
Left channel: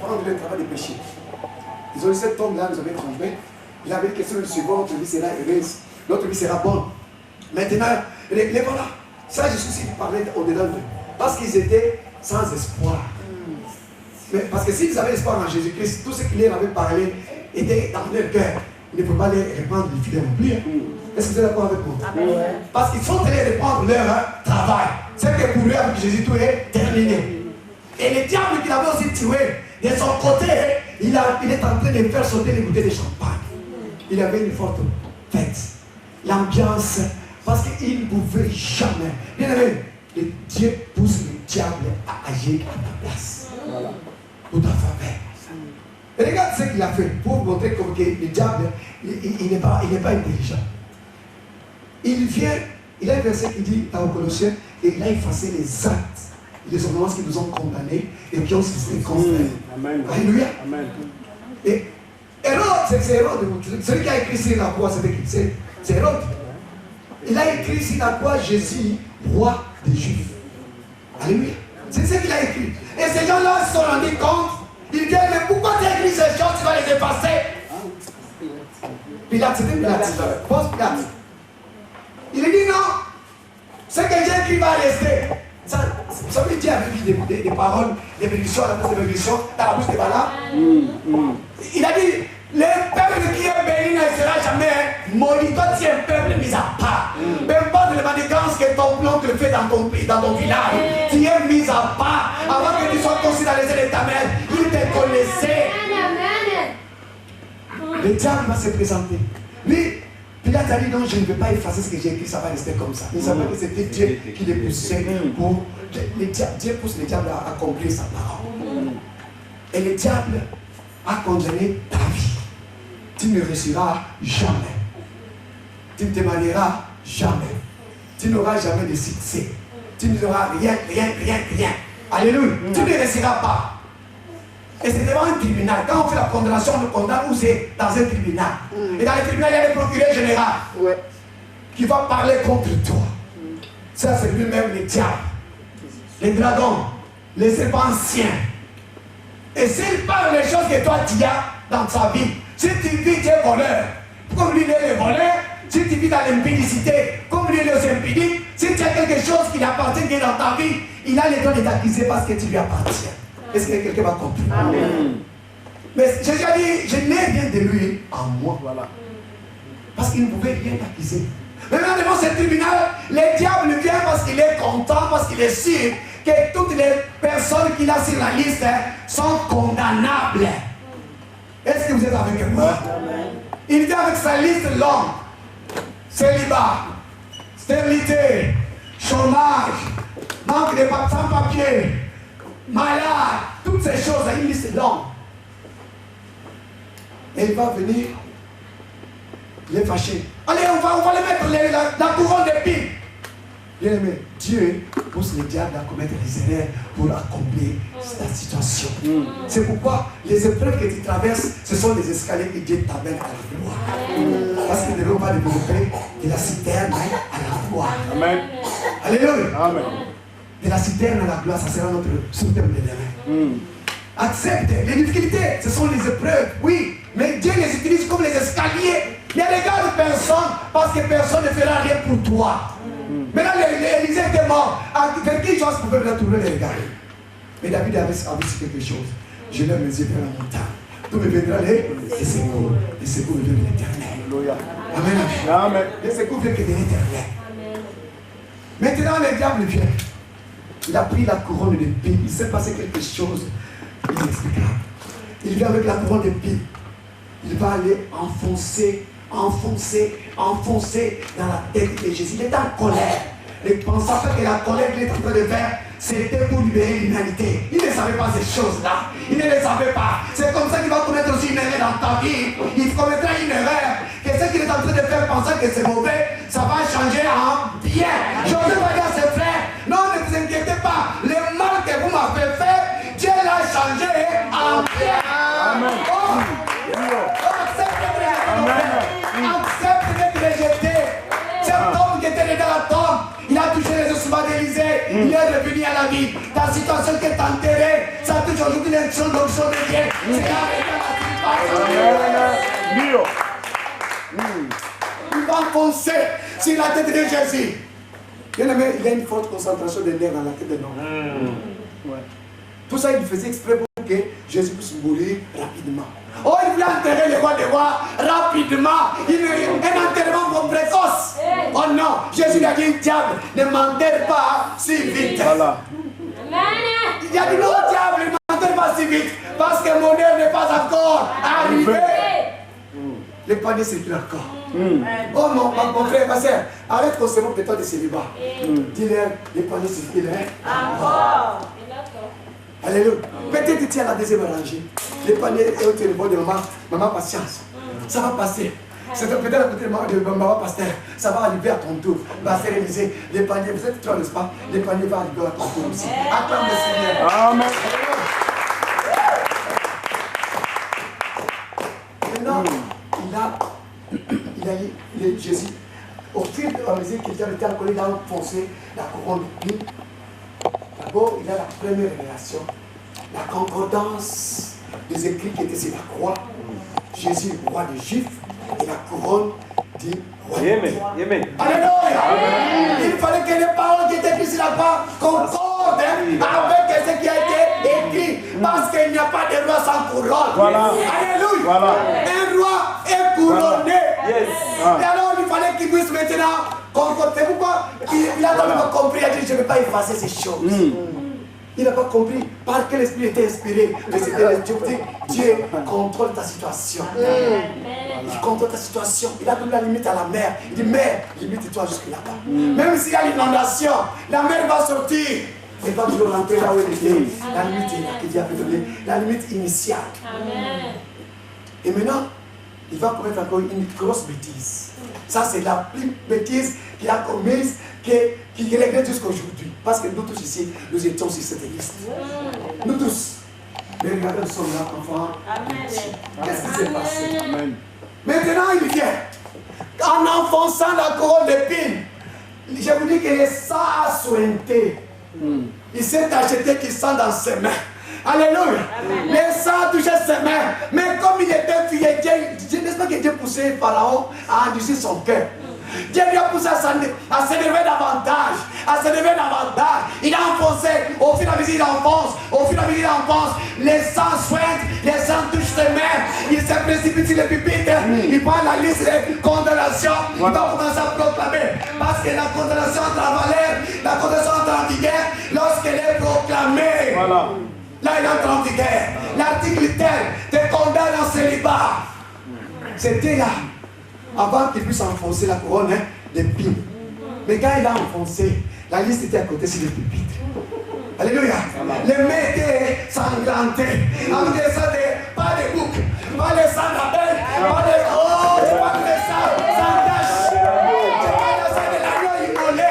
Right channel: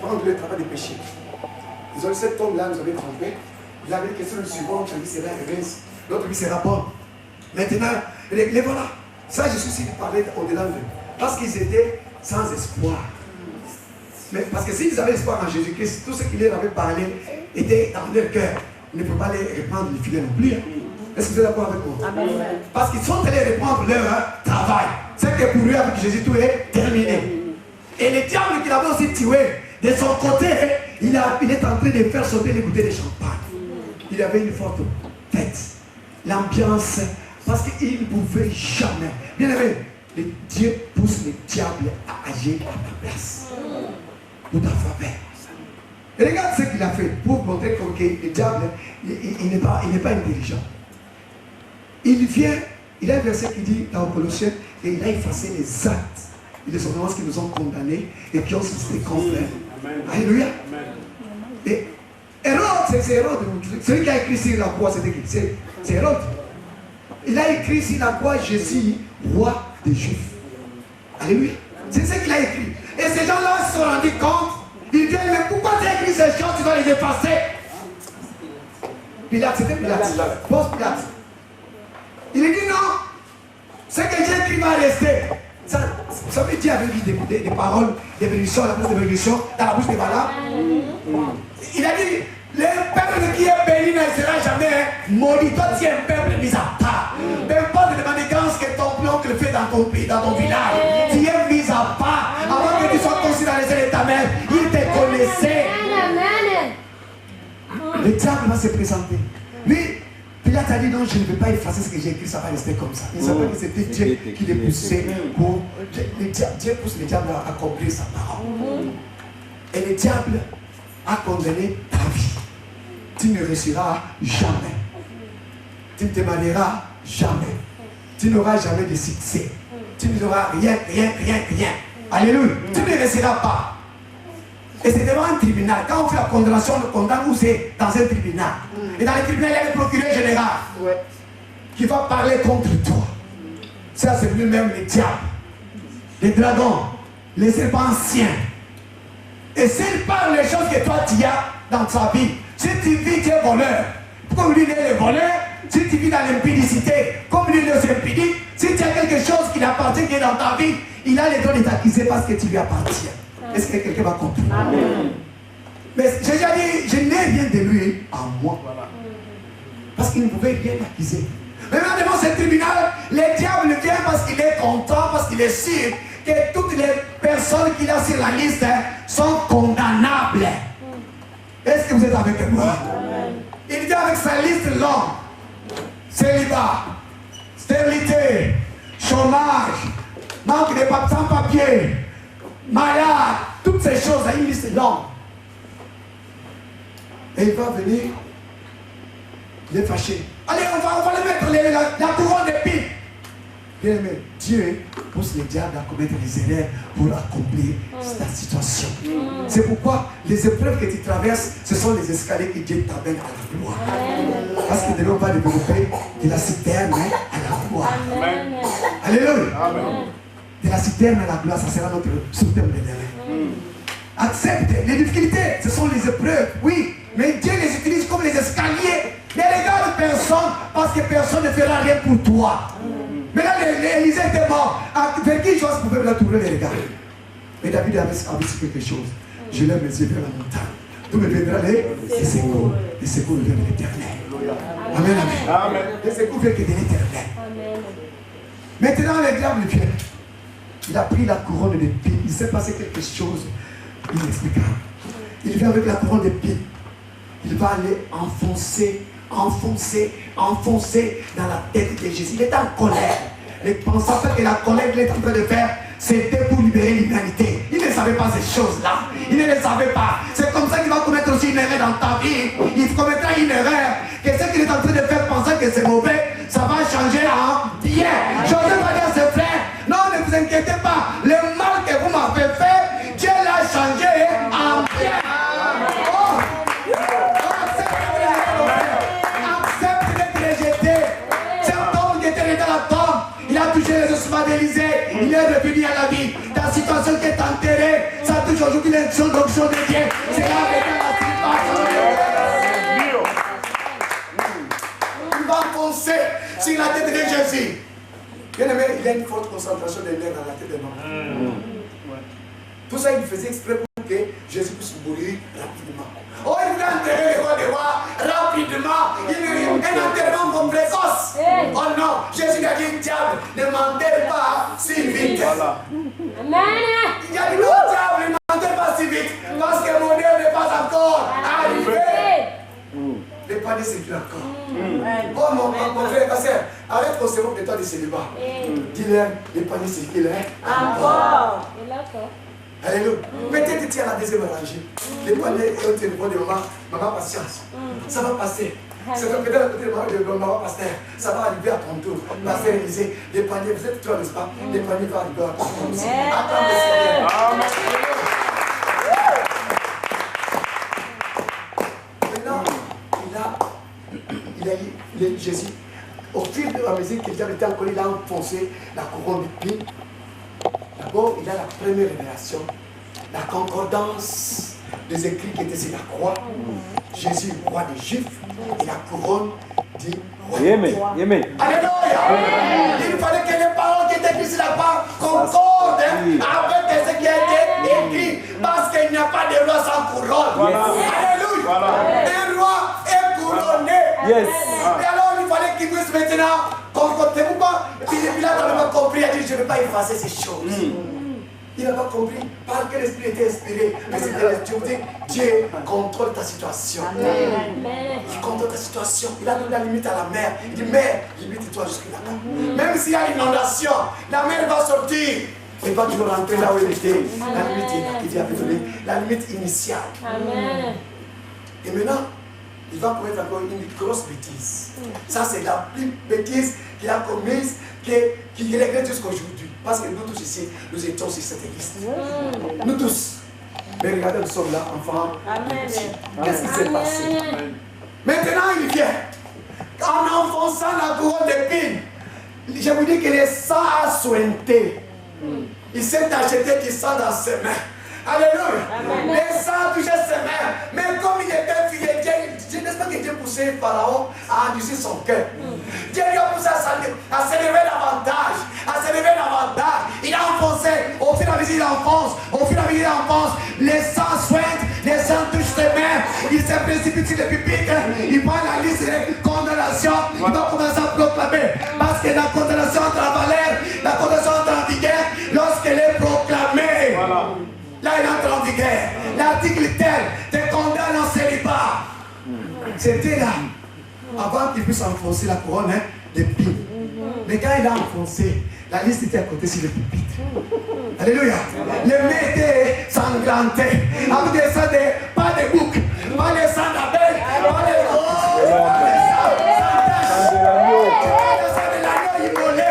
prendre le travail de péché. Ils ont dit, cet homme-là nous avait trompé. Il avait dit que si nous le suivons, notre vie sera heureuse. Notre vie sera bonne. Maintenant, les voilà. Ça, je suis aussi de parler au-dedans d'eux. Parce qu'ils étaient sans espoir. Mais parce que s'ils avaient l'espoir en Jésus-Christ, tout ce qu'il leur avait parlé était dans leur cœur. Ils ne pouvaient pas les répandre les filets non plus. Est-ce que vous êtes d'accord avec moi? Parce qu'ils sont allés répandre leur travail. C'est que pour eux, avec Jésus, tout est terminé. Et le diable qui l'avait aussi tué, de son côté, il est en train de faire sauter les bouteilles de champagne. Il avait une forte tête. L'ambiance, parce qu'il ne pouvait jamais. Bien aimé, Dieu pousse le diable à agir à ta place. Pour ta faveur. Et regarde ce qu'il a fait pour vous montrer que le diable, il n'est pas intelligent. Il vient, il y a un verset qui dit dans Colossiens, et il a effacé les actes et les ordonnances qui nous ont condamnés et qui ont suscité contre elles. Alléluia. Et Hérode, c'est Hérode. Celui qui a écrit sur la croix, c'était qui? C'est Hérode. Il a écrit sur la croix Jésus, roi des Juifs. Alléluia. C'est ce qu'il a écrit. Et ces gens-là se sont rendus compte. Ils disent, mais pourquoi tu as écrit ces choses, tu vas les effacer? Pilate, c'était Pilate. Pose Pilate. Il lui dit non. Ce que j'ai écrit va rester. Ça, vous savez, Dieu avait vu des paroles, des bénédictions, la bouche de bénédiction, dans la bouche de Balaam. Il a dit, le peuple qui est béni ne sera jamais maudit. Toi, tu es un peuple mis à part. Peu importe les manigances que ton oncle fait dans ton pays, dans ton village, tu es mis à part. Avant que tu sois conçu dans les ailes de ta mère, il te connaissait. Le diable va se présenter. Lui, Pilate a dit non, je ne peux pas effacer ce que j'ai écrit, ça va rester comme ça. Il savait que c'était Dieu qui les poussait pour. Dieu pousse le diable à accomplir sa parole. Et le diable a condamné ta vie. Tu ne réussiras jamais. Tu ne te marieras jamais. Tu n'auras jamais de succès. Tu n'auras rien. Alléluia. Tu ne réussiras pas. Et c'est devant un tribunal. Quand on fait la condamnation, on le condamne où c'est dans un tribunal. Et dans le tribunal, il y a le procureur général qui va parler contre toi. Ça, c'est lui-même le diable, les dragons, les serpents anciens. Et s'il parle les choses que toi tu as dans ta vie, si tu vis, tu es voleur, comme lui il est le voleur, si tu vis dans l'impudicité, comme lui il est aussi impudique, si tu as quelque chose qui t'appartient, qui est dans ta vie, il a le droit de t'accuser parce que tu lui appartiens. Est-ce que quelqu'un va comprendre? Amen. Mais j'ai déjà dit, je n'ai rien de lui en moi. Voilà. Parce qu'il ne pouvait rien accuser. Mais maintenant devant ce tribunal, le diable vient parce qu'il est content, parce qu'il est sûr que toutes les personnes qu'il a sur la liste sont condamnables. Est-ce que vous êtes avec moi? Il vient avec sa liste longue. Célibat, stérilité, chômage, manque de sans-papier, malade, toutes ces choses, une liste longue. Et il va venir, il est fâché. Allez, on va le mettre la couronne d'épines. Bien aimé, Dieu pousse le diable à commettre les erreurs pour accomplir ta situation. C'est pourquoi les épreuves que tu traverses, ce sont les escaliers que Dieu t'amène à la gloire. Parce que de l'homme va développer de la citerne à la gloire. Alléluia. De la citerne à la gloire, ça sera notre soutien de demain. Accepte les difficultés, ce sont les épreuves, oui, mais Dieu les utilise comme les escaliers. Ne regarde personne parce que personne ne fera rien pour toi. Maintenant, Élisée était mort. Vers qui chose pouvait me tourner les regards? Mais David avait su quelque chose. Je lève mes yeux vers la montagne. D'où me viendra les secours. Les secours viennent de l'éternel. Amen, amen. Les secours viennent de l'éternel. Maintenant, le diable vient. Il a pris la couronne d'épines. Il s'est passé quelque chose inexplicable. Il vient avec la couronne d'épines. Il va aller enfoncer dans la tête de Jésus. Il est en colère. Ne pensant pas que la colère qu'il est en train de faire, c'était pour libérer l'humanité. Il ne savait pas ces choses-là. Il ne les savait pas. C'est comme ça qu'il va commettre aussi une erreur dans ta vie. Il commettra une erreur. Que ce qu'il est en train de faire, pensant que c'est mauvais, ça va changer en bien. Je n'ose pas dire à ses frères, non, ne vous inquiétez pas. Le mal que vous m'avez fait, Dieu l'a changé en bien. Dans la tombe, il a touché les ossements d'Élysée, il est revenu à la vie. Ta situation qui est enterrée, ça touche aujourd'hui les choses d'onction de Dieu. C'est là avec la sylvation de Dieu. Il va enfoncer sur la tête de Jésus. Bien aimé, il y a une forte concentration de l'air dans la tête de l'homme. Tout ça, il faisait exprès pour que Jésus puisse mourir rapidement. Oh, il voulait enterrer le roi des rois rapidement. Un enterrement précoce. Oh non, Jésus lui a dit, diable, ne m'enterre pas si vite. Il a dit, non, diable, ne m'enterre pas si vite. Parce que mon heure n'est pas encore arrivée. Les paniers circulent encore. Oh mon frère, ma soeur, arrête qu'on se moque de toi de célibat. Dis-leur, les paniers circulent encore. Alléluia. Peut-être tu es à la deuxième rangée. Les paniers et au téléphone de maman, patience. Ça va passer. C'est peut-être à côté de maman pasteur. Ça va arriver à ton tour. Ma sœur Élisée, les paniers, vous êtes toi, n'est-ce pas? Les paniers vont arriver à ton tour aussi. Acclame le Seigneur. Maintenant, Jésus, au fur et à mesure qu'il avait été encore, il a enfoncé la couronne d'épines. D'abord, il a la première révélation, la concordance des écrits qui étaient sur la croix. Jésus, roi des Juifs, et la couronne du royauté. Alléluia! Il fallait que les paroles qui étaient écrites sur la croix concordent avec ce qui a été écrit, parce qu'il n'y a pas de roi sans couronne. Alléluia! Un roi est couronné. Et alors, il fallait qu'il puisse maintenant concorder. C'est pourquoi Pilate n'avait pas compris. Il a dit, je ne vais pas effacer ces choses. Il n'a pas compris par quel esprit était inspiré. Mais c'était Dieu. Vous dit, Dieu contrôle ta situation. Il contrôle ta situation. Il a donné la limite à la mer. Il dit, mer, limite-toi jusque là-bas. Même s'il y a l'inondation, la mer va sortir. Elle va toujours rentrer là où elle était. La limite qu'il avait donnée, la limite initiale. Et maintenant, il va commettre encore une grosse bêtise. Ça, c'est la plus bêtise qu'il a commise, qu'il regrette jusqu'à aujourd'hui. Parce que nous tous ici, nous étions sur cette liste. Nous tous. Mais regardez, nous sommes là, enfants. Qu'est-ce qui s'est passé? Maintenant, il vient. En enfonçant la couronne d'épines, je vous dis que le sang a sointé. Il s'est acheté qu'il sent dans ses mains. Alléluia. Le sang touchait ses mains. Mais comme il était fuyé, Dieu, n'est-ce pas que Dieu poussait Pharaon à endurcir son cœur? Dieu lui a poussé à s'élever davantage. À s'élever davantage. Il a enfoncé. Au fur et à mesure, il enfonce. Au fur et à mesure, il enfonce. Les sangs soignent. Les sangs touchent ses mains. Il se précipite sur le pupitre. Il prend la liste des condamnations. Il va commencer à proclamer. Parce que la condamnation entre en valeur. La condamnation entre en vigueur lorsqu'elle est proclamée. Voilà. Là, il entre en vigueur. L'article tel te condamne en célibat. C'était là, avant qu'il puisse enfoncer la couronne d'épines. Mais quand il a enfoncé, la liste était à côté sur le pupitre. Alléluia. Les mains étaient sanglantées. Avec des sangs, pas de bouc, pas les sangs d'abeilles, pas les. Oh, tu parles de sang sans tache. Tu parles de sang de l'agneau immolé.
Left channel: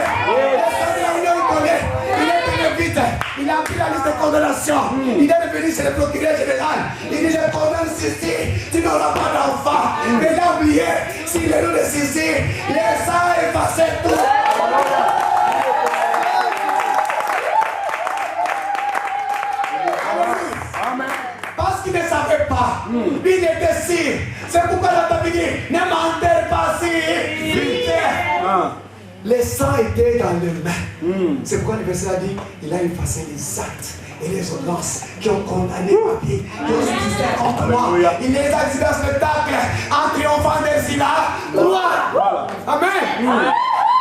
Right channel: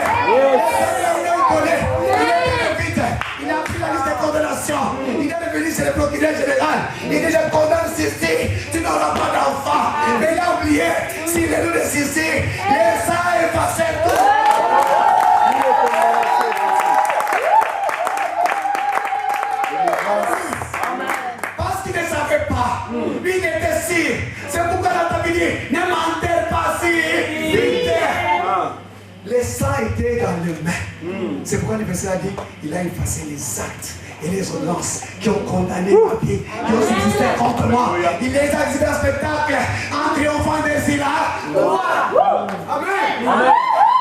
Le sang de l'agneau immolé. Il est vite. Il a pris la liste de condamnation. Il est revenu chez le procureur général. Il dit, je condamne Sissi, tu n'auras pas d'enfant. Mais il a oublié, si le nom de Sissi, les sangs effaçaient tout. Parce qu'il ne savait pas. Lui, il était sûr. C'est pourquoi la Bible dit, ne m'enterre pas si vite. Les sangs étaient dans les mains. C'est pourquoi le verset a dit, il a effacé les actes et les ordonnances qui ont condamné ma vie, qui ont subsisté contre moi. Il les a exhibés en spectacle en triomphant des Ira. Amen.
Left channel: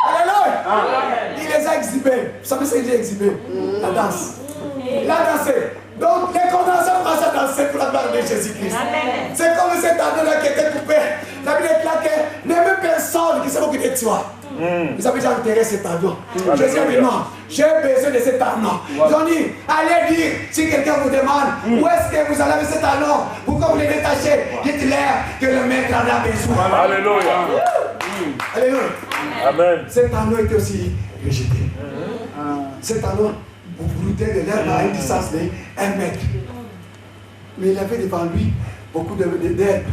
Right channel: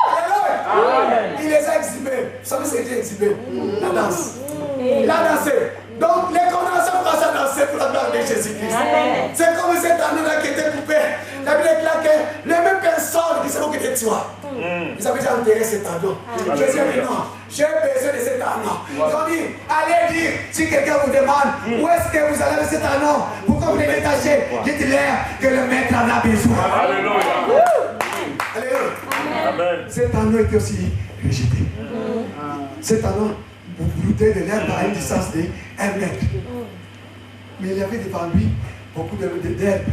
Alléluia. Il les a exhibés. Vous savez ce que j'ai exhibé? La danse. Il a dansé. Donc les condamnations commencent à danser pour la gloire de Jésus-Christ. C'est comme cet anneau-là qui était coupé. La Bible déclare que les mêmes personnes qui s'est occupées de toi, ils avaient déjà enterré cet anneau. Jésus a dit non, j'ai besoin de cet anneau. Ils ont dit, allez dire, si quelqu'un vous demande, où est-ce que vous allez avec cet anneau? Pourquoi vous les détachez? Dites-leur que le maître en a besoin. Alléluia. Alléluia. Cet anneau était aussi rejeté. Cet anneau, vous brûlez de l'herbe à une distance de 1 mètre. Mais il avait devant lui beaucoup d'herbe.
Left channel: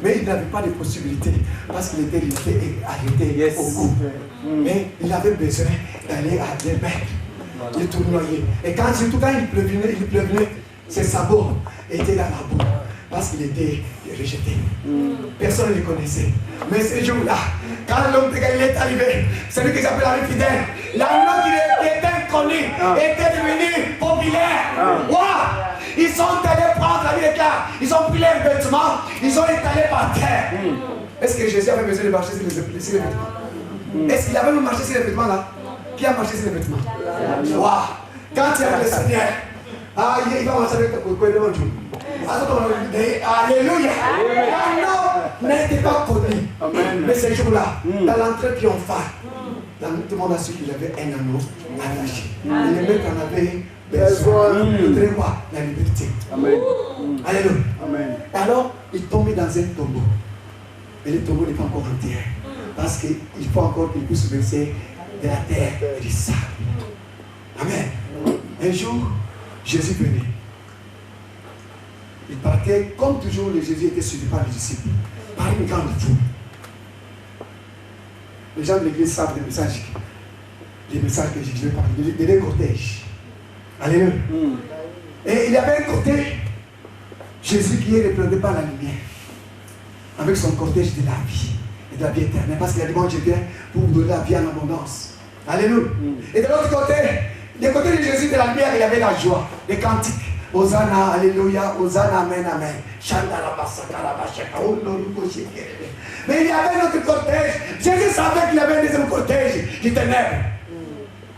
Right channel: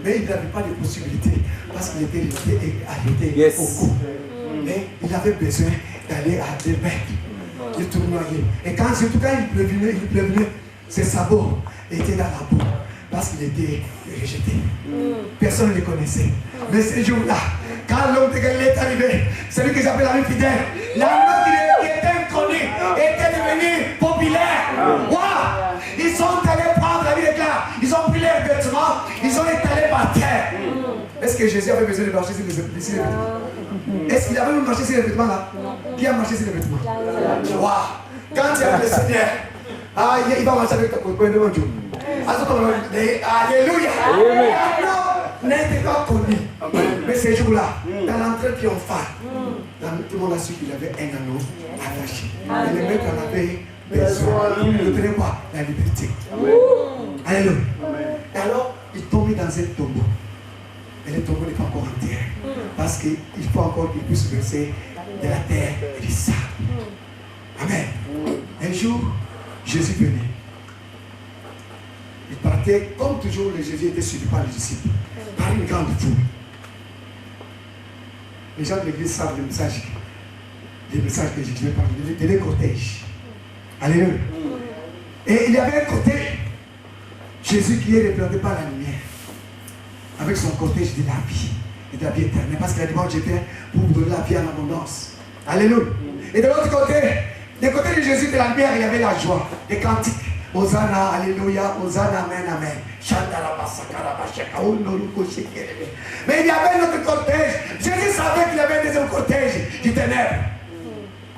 Mais il n'avait pas de possibilité parce qu'il était arrêté au cou. Mais il avait besoin d'aller à 2 mètres. Il tournoyait. Et surtout quand il pleuvait, ses sabots étaient dans la boue parce qu'il était rejeté. Personne ne le connaissait. Mais ce jour-là, quand l'homme de Galilée est arrivé, celui que j'appelle l'ami fidèle, l'homme qui était inconnu était devenu populaire. Wow! Ils sont allés prendre la vie de clair. Ils ont pris leurs vêtements, ils ont étalé par terre. Est-ce que Jésus avait besoin de marcher sur les vêtements? Est-ce qu'il avait marché sur les vêtements là? Qui a marché sur les vêtements? Wow! Quand tu aimes le Seigneur, il va marcher avec ta couille. Alléluia! L'anneau n'était pas connu. Mais ce jour-là, dans l'entrée triomphale, tout le monde a su qu'il avait un anneau attaché. Et le maître en avait besoin pour lui donner quoi? La liberté. Alléluia. Et alors, il tombait dans un tombeau. Et le tombeau n'est pas encore entier. Parce qu'il faut encore qu'il puisse verser de la terre et du sable. Amen. Un jour, Jésus venait. Il partait, comme toujours, le Jésus était suivi par les disciples, par une grande foule. Les gens de l'église savent les messages que je vais parler, des deux cortèges. Alléluia. Et il y avait un côté, Jésus qui est représenté par la lumière, avec son cortège de la vie, et de la vie éternelle, parce qu'il a dit, moi je viens pour vous donner la vie en abondance. Alléluia. Et de l'autre côté, du côté de Jésus de la lumière, il avait la joie, les cantiques. Hosanna, Alléluia, Hosanna, Amen, Amen. Mais il y avait un autre cortège. Jésus savait qu'il y avait un deuxième cortège du ténèbres.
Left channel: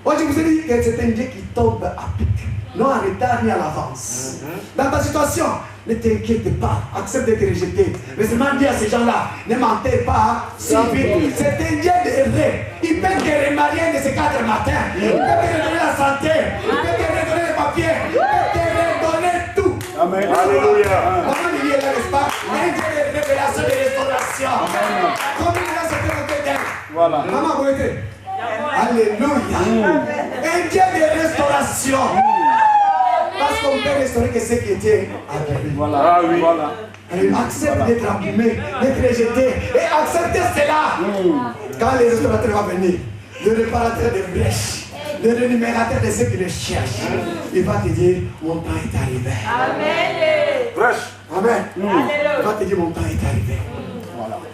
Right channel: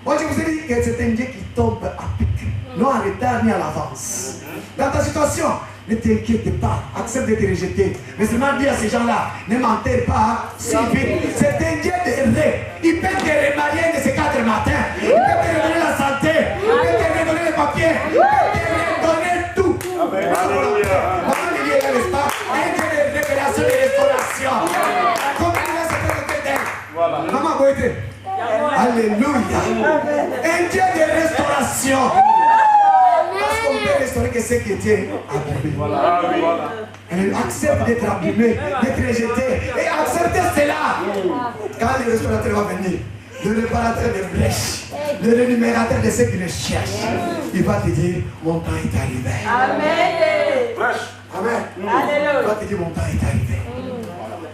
Moi je vous ai dit que c'est un Dieu qui tombe à pic, non en retard ni à l'avance. Dans ta situation, ne t'inquiète pas, accepte d'être rejeté. Mais seulement dis à ces gens-là, ne m'enterre pas si vite. C'est un Dieu de rêve. Il peut te remarier de ces 4 matins. Il peut te redonner la santé. Il peut te redonner les papiers. Il peut te redonner tout. Maman Lily est là, n'est-ce pas? Un Dieu de révélation et de restauration. Combien de gens sont côté d'elle? Maman, vous êtes? Alléluia. Un Dieu de restauration. Parce qu'on peut restaurer que ce qui était abîmé. Accepte d'être abîmé, d'être rejeté. Et acceptez cela. Quand le restaurateur va venir, le réparateur des brèches, le rémunérateur de ceux qui le cherchent, il va te dire, mon temps est arrivé. Amen. Il va te dire, mon temps est arrivé.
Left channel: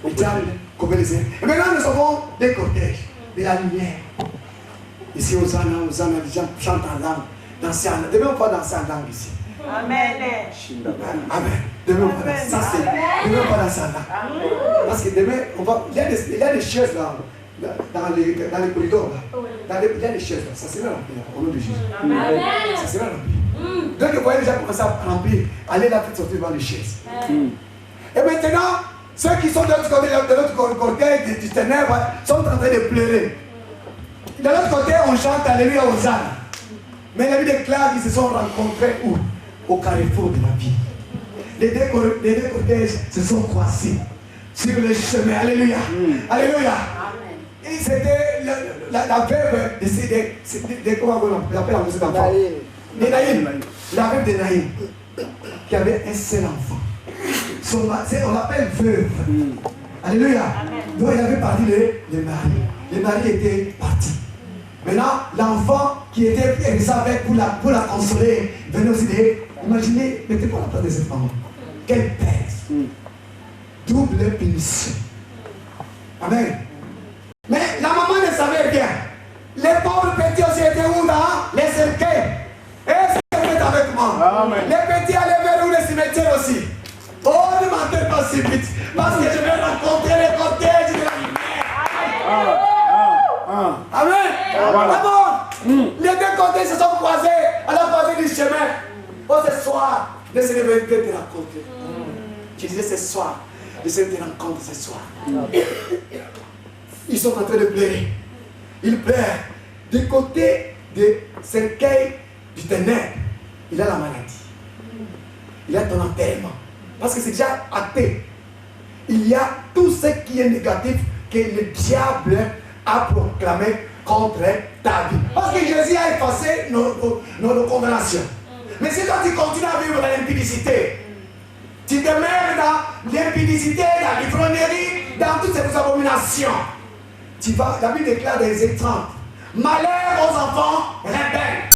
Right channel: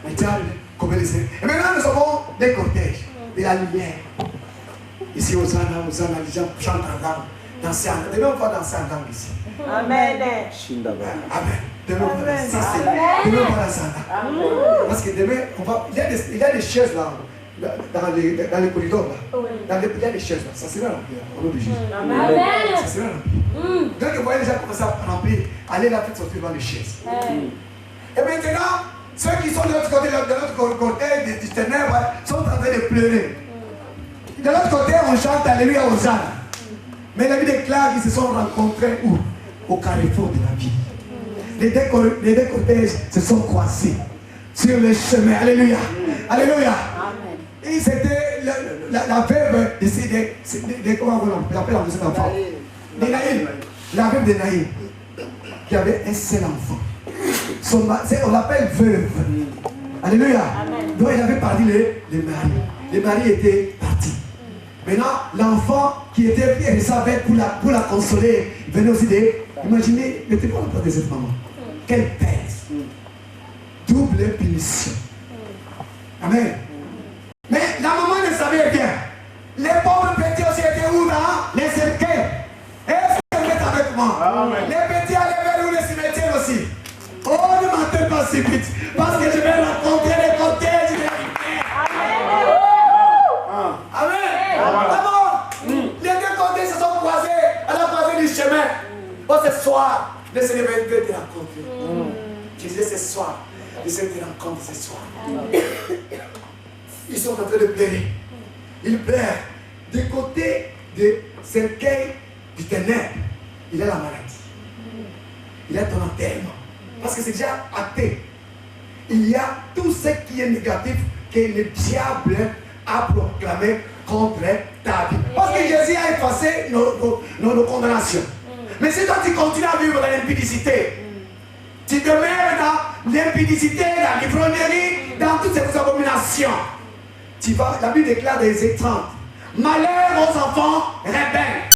Le diable, comme les airs. Et maintenant, nous avons des cortèges, de la lumière. Ici, Hosanna, Hosanna, les gens chantent en langue. Danser en langue. Demain, on va danser en langue ici. Amen. Amen. Demain, on va danser. Ça, c'est. Demain, on va danser en langue. Parce que demain, on va. Il y a des chaises là. Dans les corridors là. Il y a des chaises là. Ça sera rempli là. Au nom de Jésus. Amen. Ça sera rempli. Donc, vous voyez déjà commencer à remplir. Allez là, faites sortir devant les chaises. Et maintenant, ceux qui sont de l'autre côté, de l'autre côté du ténèbres, sont en train de pleurer. De l'autre côté, on chante Alléluia aux âmes. Mais la vie déclare qu'ils se sont rencontrés où? Au carrefour de la vie. Les deux cortèges se sont croisés sur le chemin. Alléluia. Alléluia. Et c'était la veuve de comment on appelle la musique d'enfant? De Naïm. La veuve de Naïm. Qui avait un seul enfant. On l'appelle veuve. Alléluia. Donc il avait parti le mari. Le mari était parti. Maintenant, l'enfant qui était avec pour la consoler, venait aussi de. Imaginez, mettez-vous à la place de cette maman. Quelle pèse. Double punition. Amen. Mais la maman ne savait rien. Les pauvres petits aussi étaient où dans les cercueils. Est-ce que vous êtes avec moi? Amen. Les petits allaient vers où les cimetières aussi. Oh, ne mentez pas si vite. Parce que je vais rencontrer les cortèges de la lumière. Amen. Les deux côtés se sont croisés à la croisée du chemin. Oh, ce soir, le Seigneur veut te rencontrer. Je disais ce soir, le Seigneur te rencontre ce soir. Ils sont en train de pleurer. Ils pleurent. Du côté du cercueil du ténèbre, il a la maladie. Il a ton enterrement. Parce que c'est déjà acté. Il y a tout ce qui est négatif que le diable a proclamé contre ta vie. Parce que Jésus a effacé nos condamnations. Mais si toi tu continues à vivre dans l'impudicité, tu demeures dans l'impudicité, dans l'ivrognerie, dans toutes ces abominations, la Bible déclare dans les 30, malheur aux enfants rebelles.